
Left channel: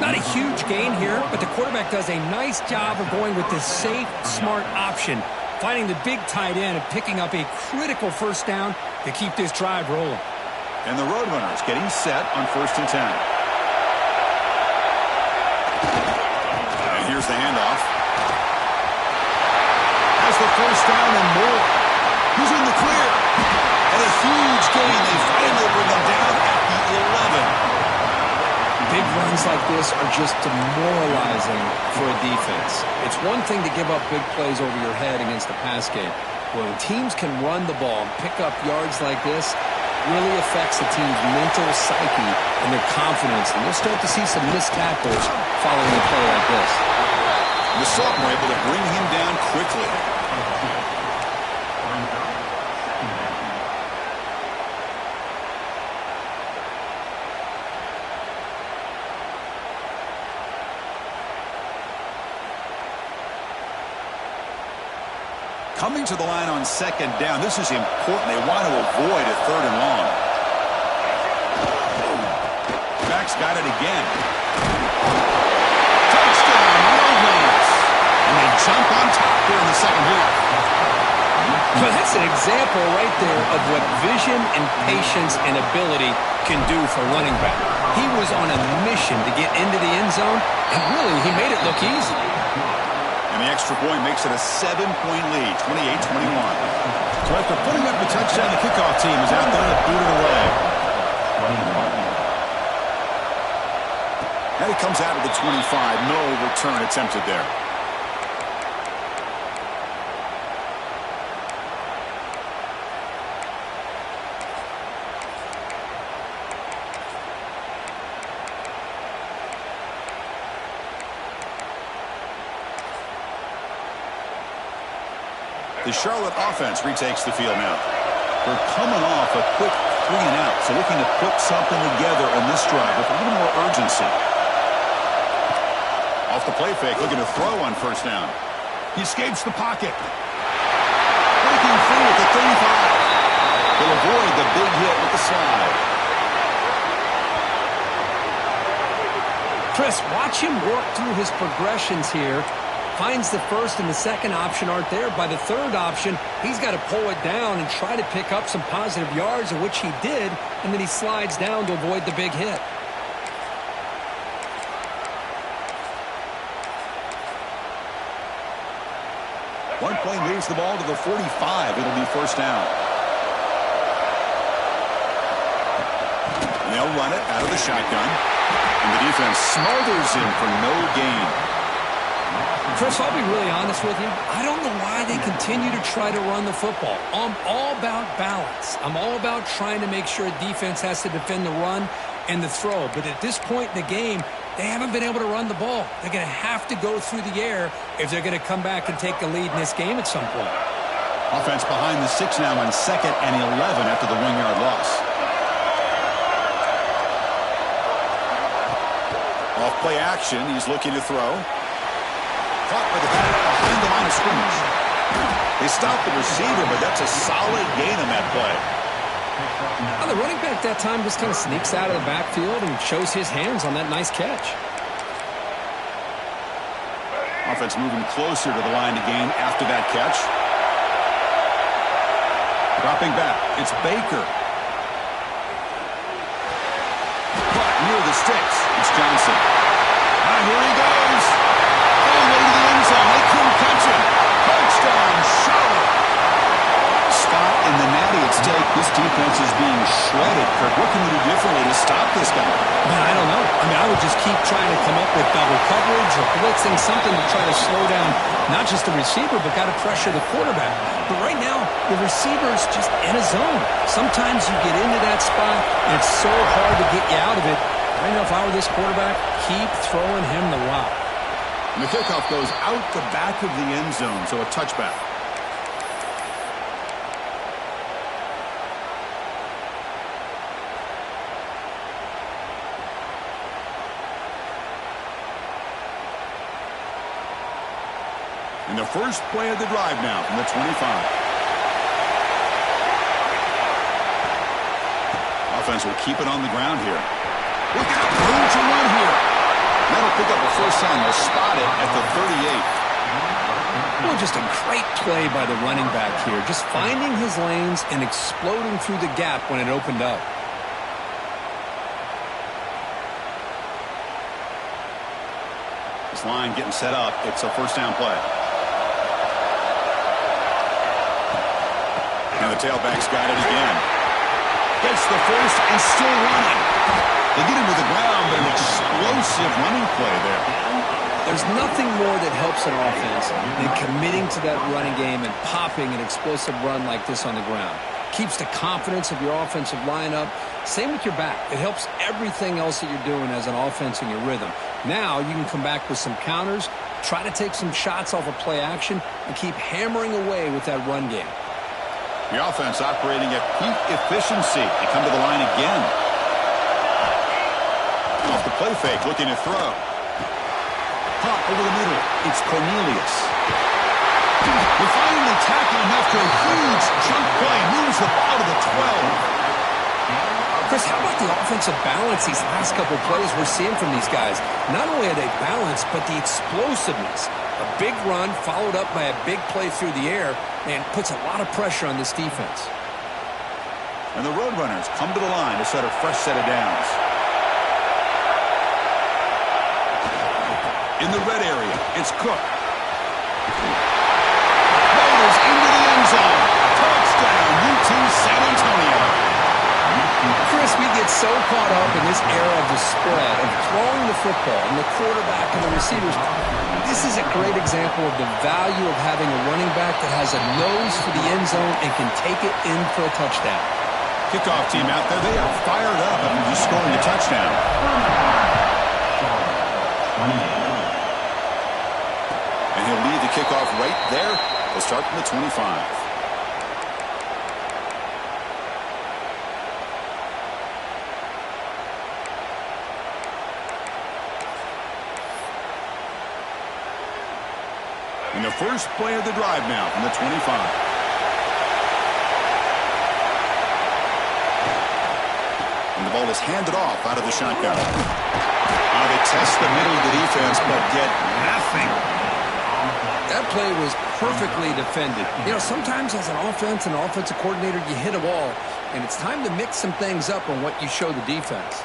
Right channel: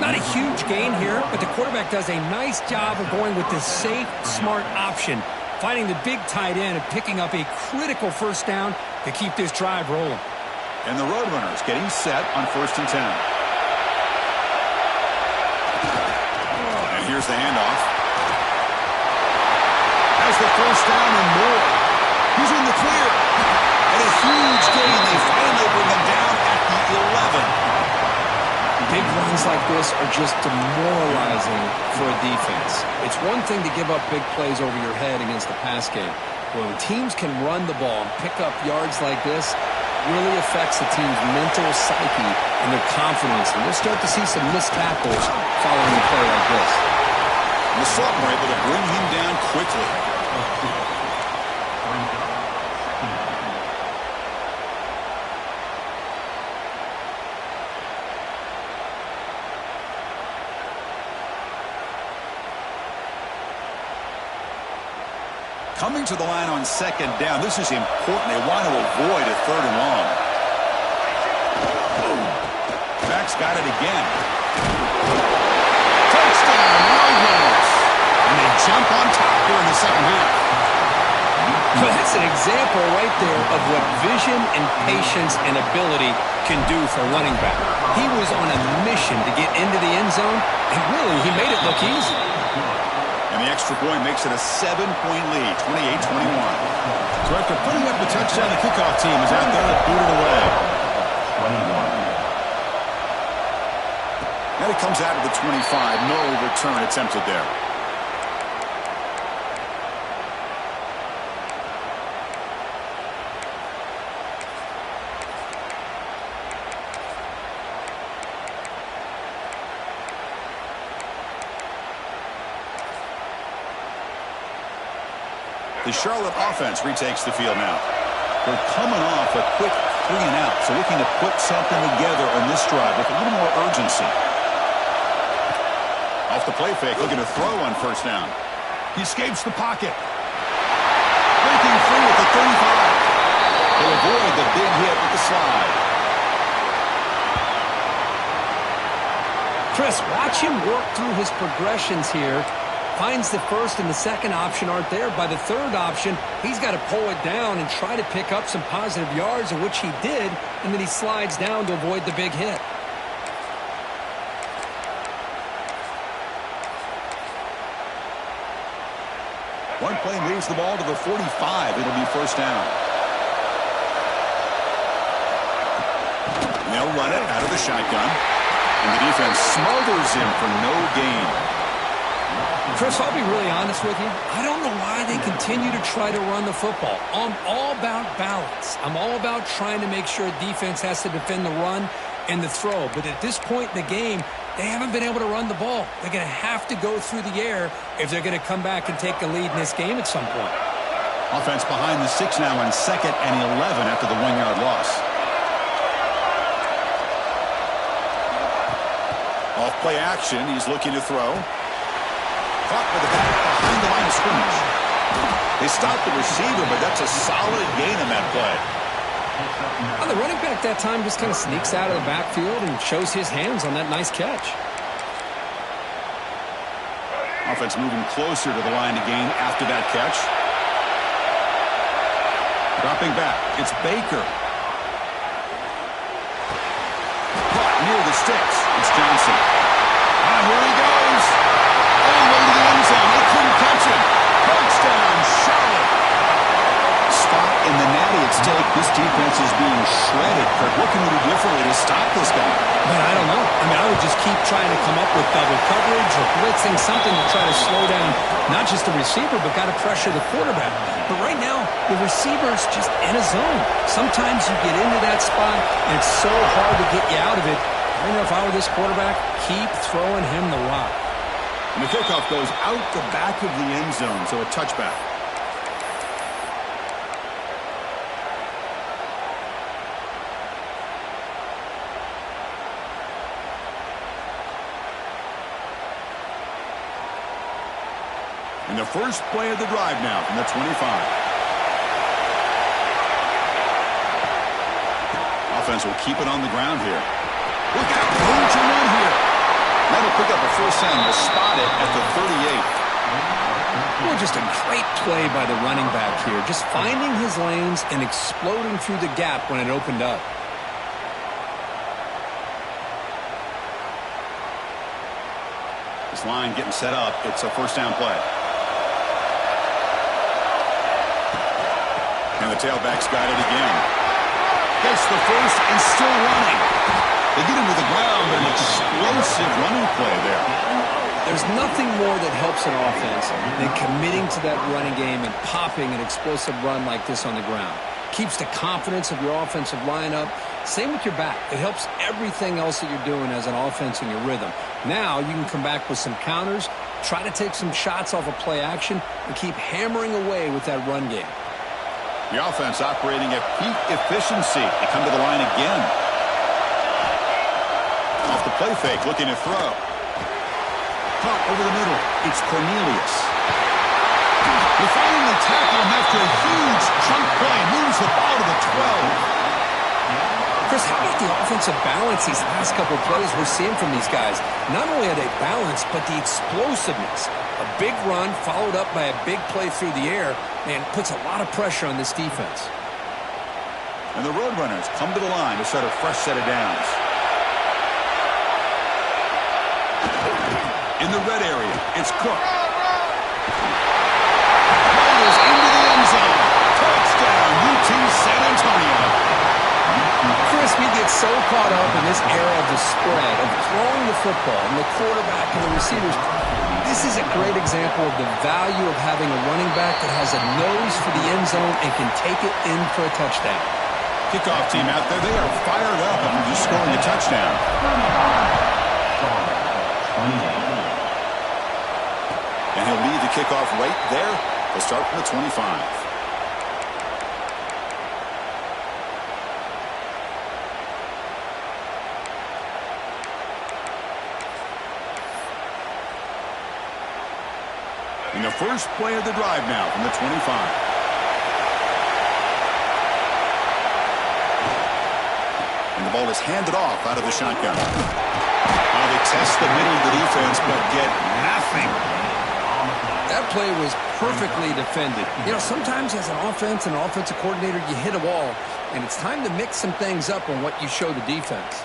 Not a huge gain here, but the quarterback does a nice job of going with the safe, smart option, finding the big tight end and picking up a critical first down to keep this drive rolling. And the Roadrunners getting set on 1st and 10. And here's the handoff. Has the first down and more. He's in the clear. And a huge gain. They finally bring him down at the 11. Big runs like this are just demoralizing for a defense. It's one thing to give up big plays over your head against the pass game. But when teams can run the ball and pick up yards like this, it really affects the team's mental psyche and their confidence. And you'll start to see some missed tackles following a play like this. And the sophomore able to bring him down quickly. Coming to the line on 2nd down. This is important. They want to avoid a 3rd and long. Back's got it again. Touchdown, Roadrunners. And they jump on top here in the second half. But that's an example right there of what vision and patience and ability can do for running back. He was on a mission to get into the end zone, and really, he made it look easy. And the extra point makes it a 7-point lead, 28-21. So after putting up the touchdown, the kickoff team is out there to boot it away. And it comes out of the 25. No return attempted there. The Charlotte offense retakes the field now. They're coming off a quick 3 and out, so looking to put something together on this drive with a little more urgency. Off the play fake, looking to throw on first down. He escapes the pocket. Breaking free at the 35. He'll avoid the big hit with the slide. Chris, watch him work through his progressions here. Finds the first and the second option aren't there. By the third option, he's got to pull it down and try to pick up some positive yards, in which he did, and then he slides down to avoid the big hit. One play moves the ball to the 45. It'll be first down. And they'll run it out of the shotgun. And the defense smothers him for no gain. Chris, I'll be really honest with you. I don't know why they continue to try to run the football. I'm all about balance. I'm all about trying to make sure a defense has to defend the run and the throw. But at this point in the game, they haven't been able to run the ball. They're going to have to go through the air if they're going to come back and take a lead in this game at some point. Offense behind the 6 now on 2nd and 11 after the 1-yard loss. Off play action, he's looking to throw. Caught by the back behind the line of scrimmage. They stopped the receiver, but that's a solid gain on that play. Well, the running back that time just kind of sneaks out of the backfield and shows his hands on that nice catch. Offense moving closer to the line to gain after that catch. Dropping back, it's Baker. Caught near the sticks. It's Johnson. Ah, here he goes. All the way to the end zone. They couldn't catch him. Touchdown, Charlotte. Spot in the natty at stake. This defense is being shredded. Kirk, what can we do differently to stop this guy? Man, I don't know. I mean, I would just keep trying to come up with double coverage or blitzing, something to try to slow down not just the receiver, but got to pressure the quarterback. But right now, the receiver's just in a zone. Sometimes you get into that spot, and it's so hard to get you out of it. Right now, if I were this quarterback, keep throwing him the rock. And the kickoff goes out the back of the end zone, so a touchback. And the first play of the drive now from the 25. Offense will keep it on the ground here. Look out, room to run here. That'll pick up a first down. They'll spot it at the 38. Well, just a great play by the running back here. Just finding his lanes and exploding through the gap when it opened up. This line getting set up. It's a first down play. And the tailback's got it again. Gets the first and still running. They get him to the ground, but an explosive running play there. There's nothing more that helps an offense than committing to that running game and popping an explosive run like this on the ground. Keeps the confidence of your offensive lineup. Same with your back. It helps everything else that you're doing as an offense in your rhythm. Now you can come back with some counters, try to take some shots off of play action, and keep hammering away with that run game. The offense operating at peak efficiency. They come to the line again. Off the play fake, looking to throw. Caught over the middle. It's Cornelius. We finally tackle him after a huge chunk play. Moves the ball to the 12. Chris, how about the offensive balance these last couple plays we're seeing from these guys? Not only are they balanced, but the explosiveness. A big run followed up by a big play through the air, and puts a lot of pressure on this defense. And the Roadrunners come to the line to set a fresh set of downs. In the red area, it's Cook. Motors into the end zone. Touchdown, UT San Antonio. Chris, we get so caught up in this era of the spread, of throwing the football, and the quarterback and the receivers. This is a great example of the value of having a running back that has a nose for the end zone and can take it in for a touchdown. Kickoff team out there, they are fired up after just scoring a touchdown. And he'll lead the kickoff right there. They'll start from the 25. In the first play of the drive now from the 25. And the ball is handed off out of the shotgun. Now they test the middle of the defense, but get nothing. That play was perfectly defended. You know, sometimes as an offense and an offensive coordinator, you hit a wall, and it's time to mix some things up on what you show the defense.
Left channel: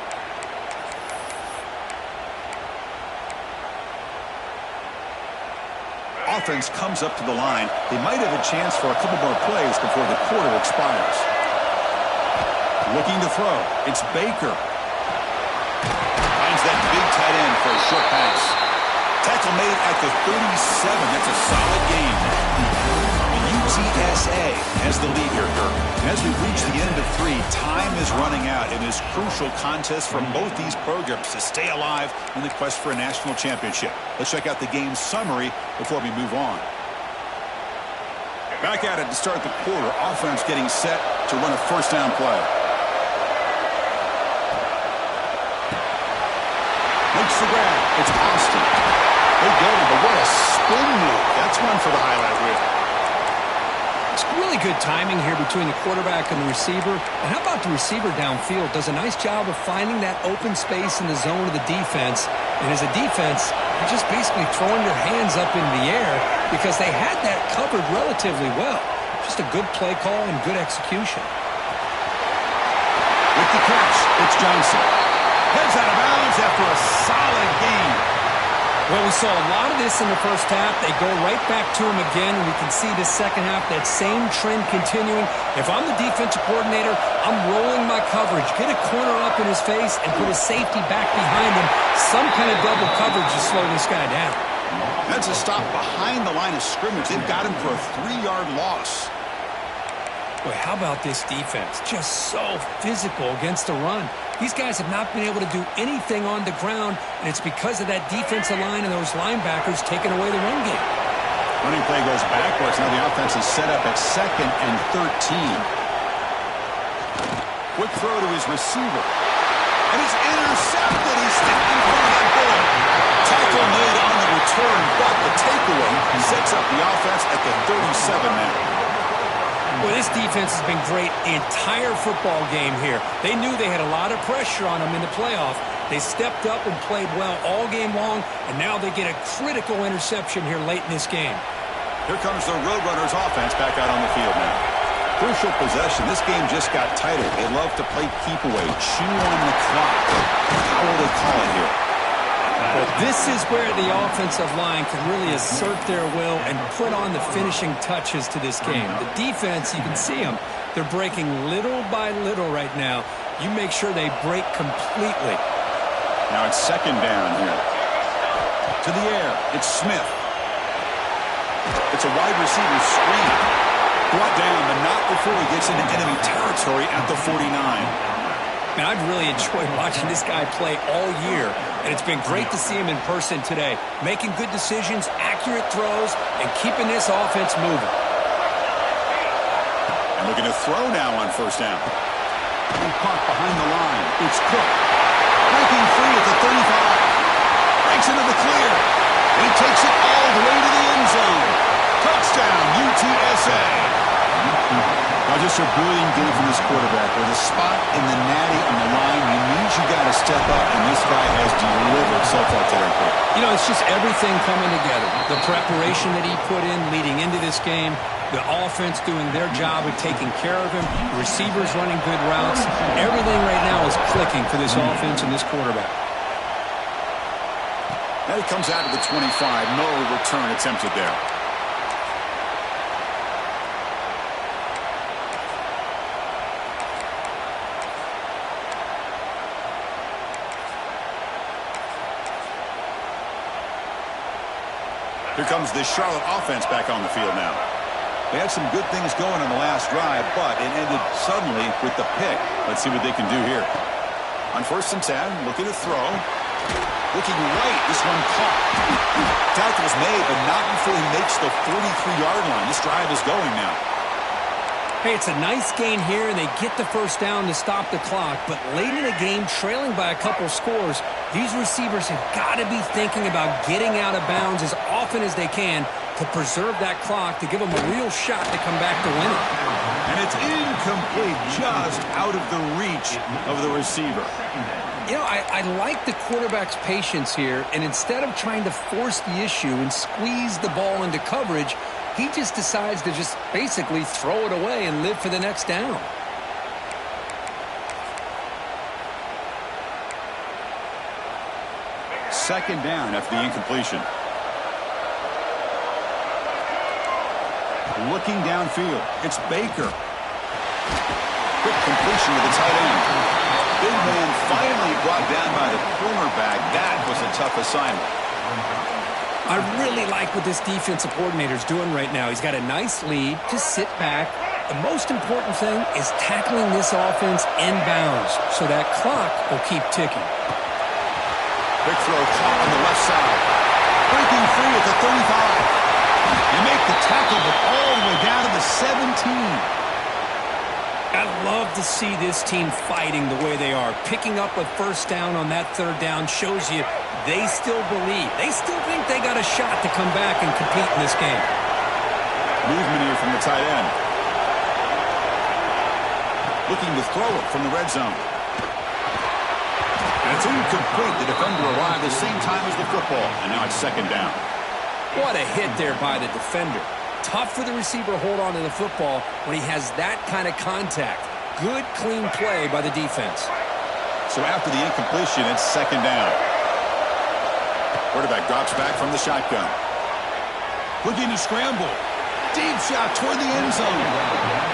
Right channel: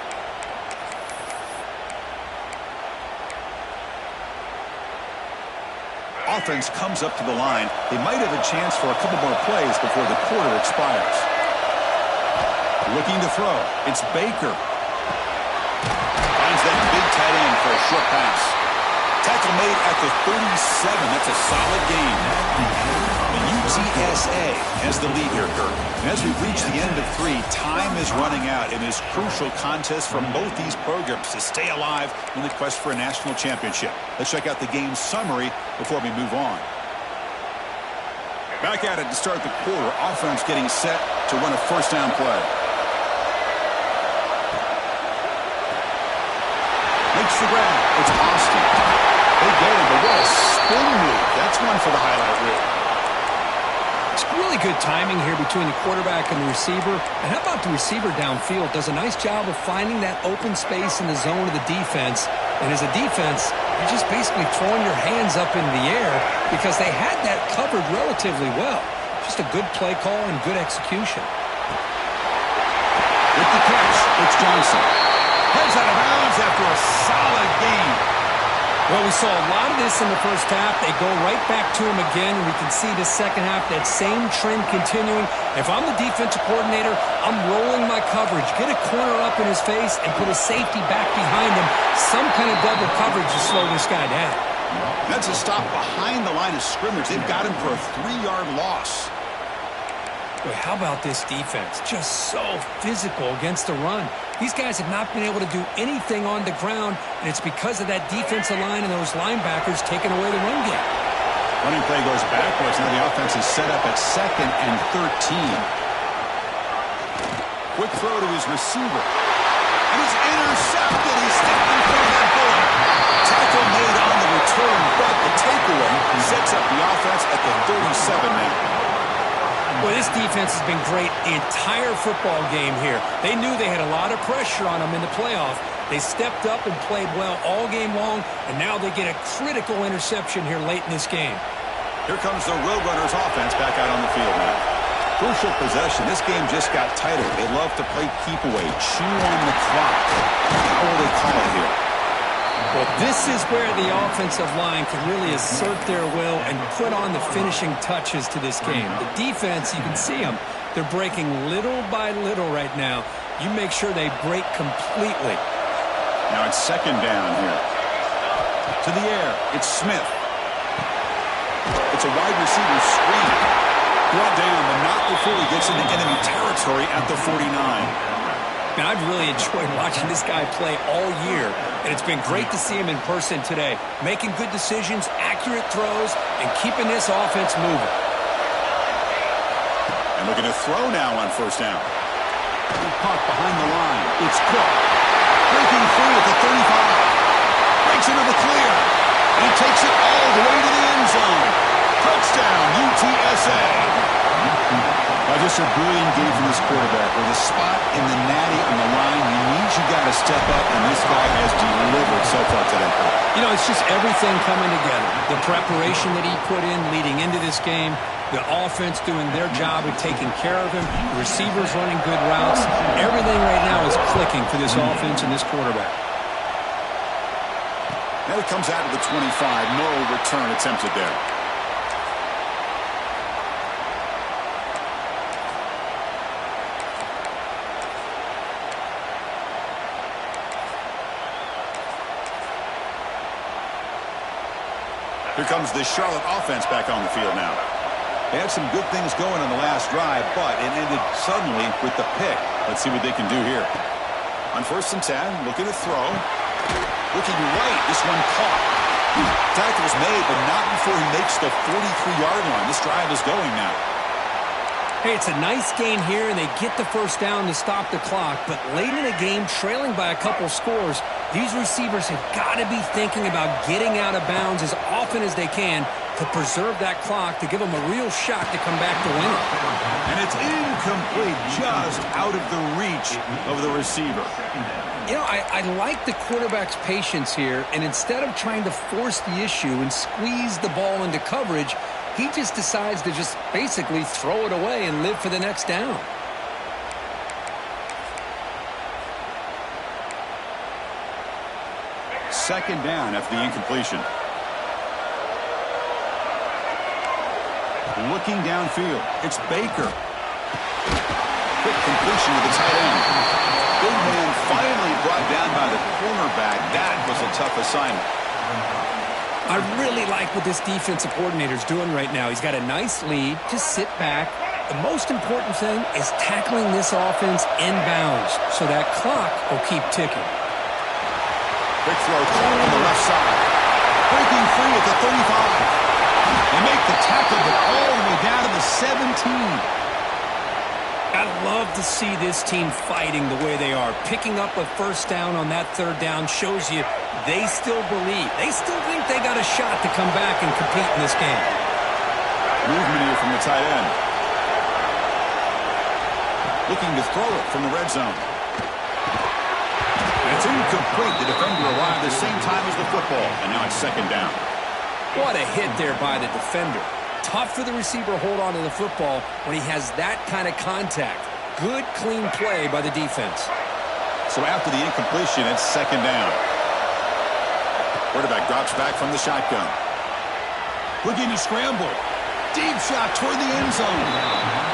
Offense comes up to the line. They might have a chance for a couple more plays before the quarter expires. Looking to throw. It's Baker. Finds that big tight end for a short pass. Tackle made at the 37. That's a solid gain. The UTSA has the lead here, Kirk. And as we've reached the end of 3, time is running out in this crucial contest for both these programs to stay alive in the quest for a national championship. Let's check out the game summary before we move on. Back at it to start the quarter. Offense getting set to run a first down play. Makes the grab. It's Austin. They get him, but what a spin move. That's one for the highlight reel. It's really good timing here between the quarterback and the receiver. And how about the receiver downfield? Does a nice job of finding that open space in the zone of the defense. And as a defense, you're just basically throwing your hands up in the air because they had that covered relatively well. Just a good play call and good execution. With the catch, it's Johnson. Heads out of bounds after a solid gain. Well, we saw a lot of this in the first half. They go right back to him again. We can see the second half, that same trend continuing. If I'm the defensive coordinator, I'm rolling my coverage. Get a corner up in his face and put a safety back behind him. Some kind of double coverage to slow this guy down. That's a stop behind the line of scrimmage. They've got him for a 3-yard loss. Boy, how about this defense? Just so physical against the run. These guys have not been able to do anything on the ground, and it's because of that defensive line and those linebackers taking away the run game. Running play goes backwards. Now the offense is set up at 2nd and 13. Quick throw to his receiver. And he's intercepted. He's stepped in front of that bullet. Tackle made on the return, but the takeaway sets up the offense at the 37 now. Well, this defense has been great the entire football game here. They knew they had a lot of pressure on them in the playoff. They stepped up and played well all game long, and now they get a critical interception here late in this game. Here comes the Roadrunners offense back out on the field now. Crucial possession. This game just got tighter. They love to play keep away, chew on the clock. How will they call it here? Well, this is where the offensive line can really assert their will and put on the finishing touches to this game. The defense, you can see them. They're breaking little by little right now. You make sure they break completely. Now it's 2nd down here. To the air. It's Smith. It's a wide receiver screen. Brought down, but not before he gets into enemy territory at the 49. Man, I've really enjoyed watching this guy play all year, and it's been great to see him in person today, making good decisions, accurate throws, and keeping this offense moving. And looking to throw now on 1st down. Caught behind the line. It's Cook. Breaking free at the 35. Breaks into the clear. And he takes it all the way to the end zone. Touchdown, UTSA. Now, just a brilliant game from this quarterback. With a spot in the natty on the line, you got to step up, and this guy has delivered so far today. You know, it's just everything coming together. The preparation that he put in leading into this game, the offense doing their job of taking care of him, the receivers running good routes. Everything right now is clicking for this offense and this quarterback. Now he comes out to the 25. No return attempted there. Here comes the Charlotte offense back on the field now. They had some good things going on the last drive, but it ended suddenly with the pick. Let's see what they can do here. On 1st and 10, looking to throw. Looking right, this one caught. Tackle's made, but not before he makes the 43-yard line. This drive is going now. Hey, it's a nice gain here, and they get the 1st down to stop the clock. But late in the game, trailing by a couple scores, These receivers have got to be thinking about getting out of bounds as often as they can to preserve that clock, to give them a real shot to come back to win it. And it's incomplete, just out of the reach of the receiver. You know, I like the quarterback's patience here, and instead of trying to force the issue and squeeze the ball into coverage, he just decides to just basically throw it away and live for the next down. Second down after the incompletion. Looking downfield, it's Baker. Quick completion to the tight end. Big man finally brought down by the cornerback. That was a tough assignment. I really like what this defensive coordinator's doing right now. He's got a nice lead. Just sit back. The most important thing is tackling this offense inbounds so that clock will keep ticking. Quick throw caught on the left side. Breaking free at the 35. They make the tackle, but all the way down to the 17. I love to see this team fighting the way they are. Picking up a first down on that third down shows you they still believe. They still think they got a shot to come back and compete in this game. Movement here from the tight end. Looking to throw it from the red zone. And it's incomplete. The defender arrived at the same time as the football, and now it's second down. What a hit there by the defender. Tough for the receiver to hold on to the football when he has that kind of contact. Good, clean play by the defense. So after the incompletion, it's second down. Quarterback drops back from the shotgun. Looking to scramble. Deep shot toward the end zone.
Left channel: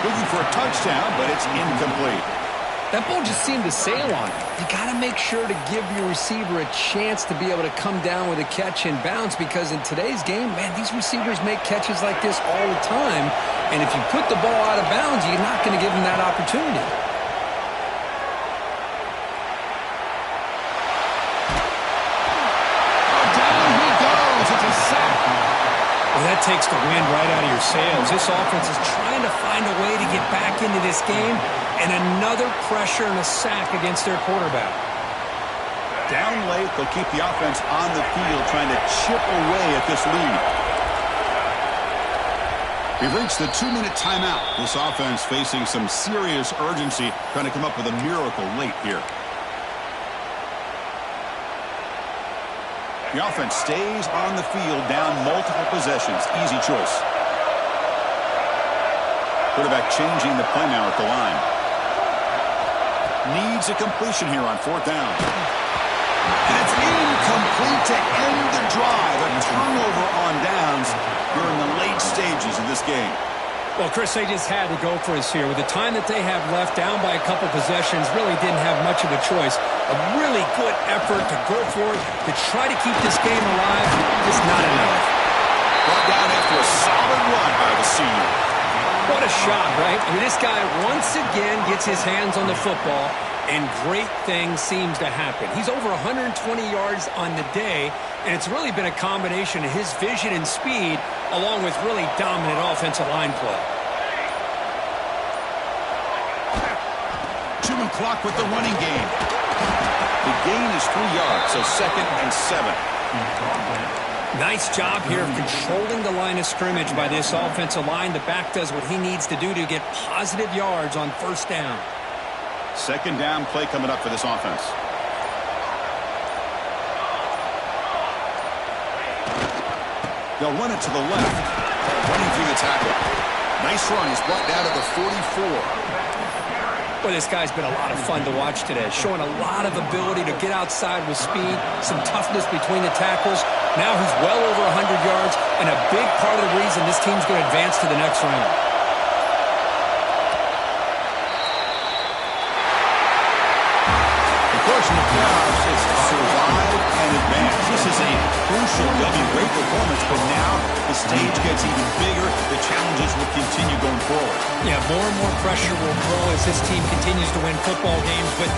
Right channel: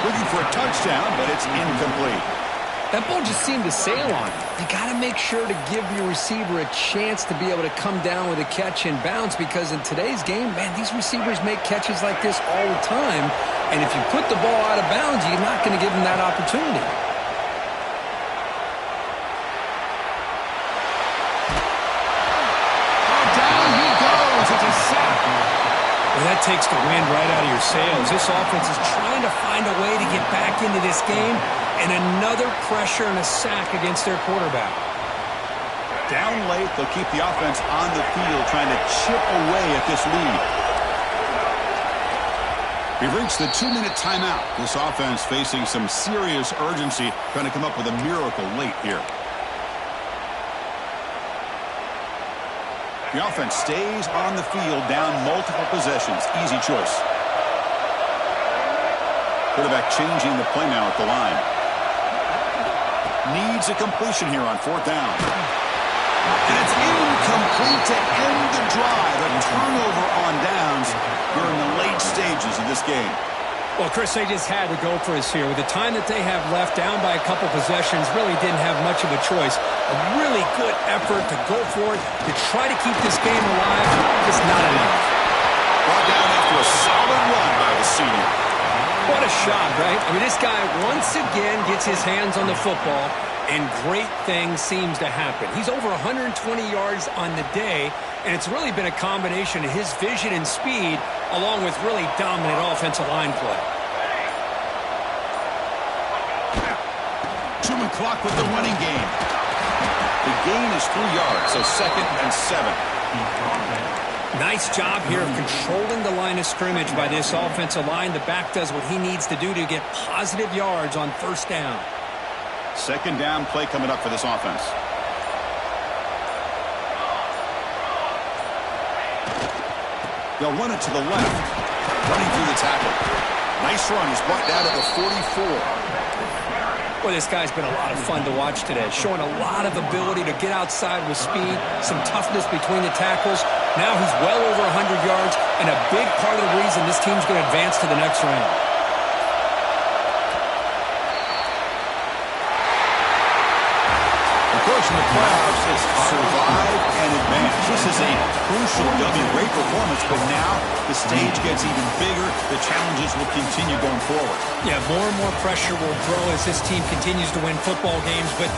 Looking for a touchdown, but it's incomplete. That ball just seemed to sail on him. You got to make sure to give your receiver a chance to be able to come down with a catch and bounce, because in today's game, man, these receivers make catches like this all the time. And if you put the ball out of bounds, you're not going to give them that opportunity. Oh, down he goes. It's a sack. Well, that takes the wind right out of your sails. This offense is trying to find a way to get back into this game, and another pressure and a sack against their quarterback. Down late, they'll keep the offense on the field trying to chip away at this lead. We've reached the 2-minute timeout. This offense facing some serious urgency, trying to come up with a miracle late here. The offense stays on the field, down multiple possessions. Easy choice. Quarterback changing the play now at the line. Needs a completion here on fourth down. And it's incomplete to end the drive. A turnover on downs during the late stages of this game. Well, Chris, they just had to go for us here. With the time that they have left, down by a couple possessions, really didn't have much of a choice. A really good effort to go for it, to try to keep this game alive. Just not enough. Brought down after a solid run by the senior. What a shot, right? I mean, this guy once again gets his hands on the football, and great things seems to happen. He's over 120 yards on the day, and it's really been a combination of his vision and speed along with really dominant offensive line play. 2-man clock with the running game. The gain is 3 yards, so second and 7. Nice job here of controlling the line of scrimmage by this offensive line. The back does what he needs to do to get positive yards on first down. Second down play coming up for this offense. They'll run it to the left. Running through the tackle. Nice run. He's brought down to the 44. Boy, this guy's been a lot of fun to watch today. Showing a lot of ability to get outside with speed, some toughness between the tackles. Now he's well over 100 yards, and a big part of the reason this team's going to advance to the next round. Of course, in the playoffs, it's survive and advance. This is a crucial W. Great performance, but now the stage gets even bigger. The challenges will continue going forward. Yeah, more and more pressure will grow as this team continues to win football games, but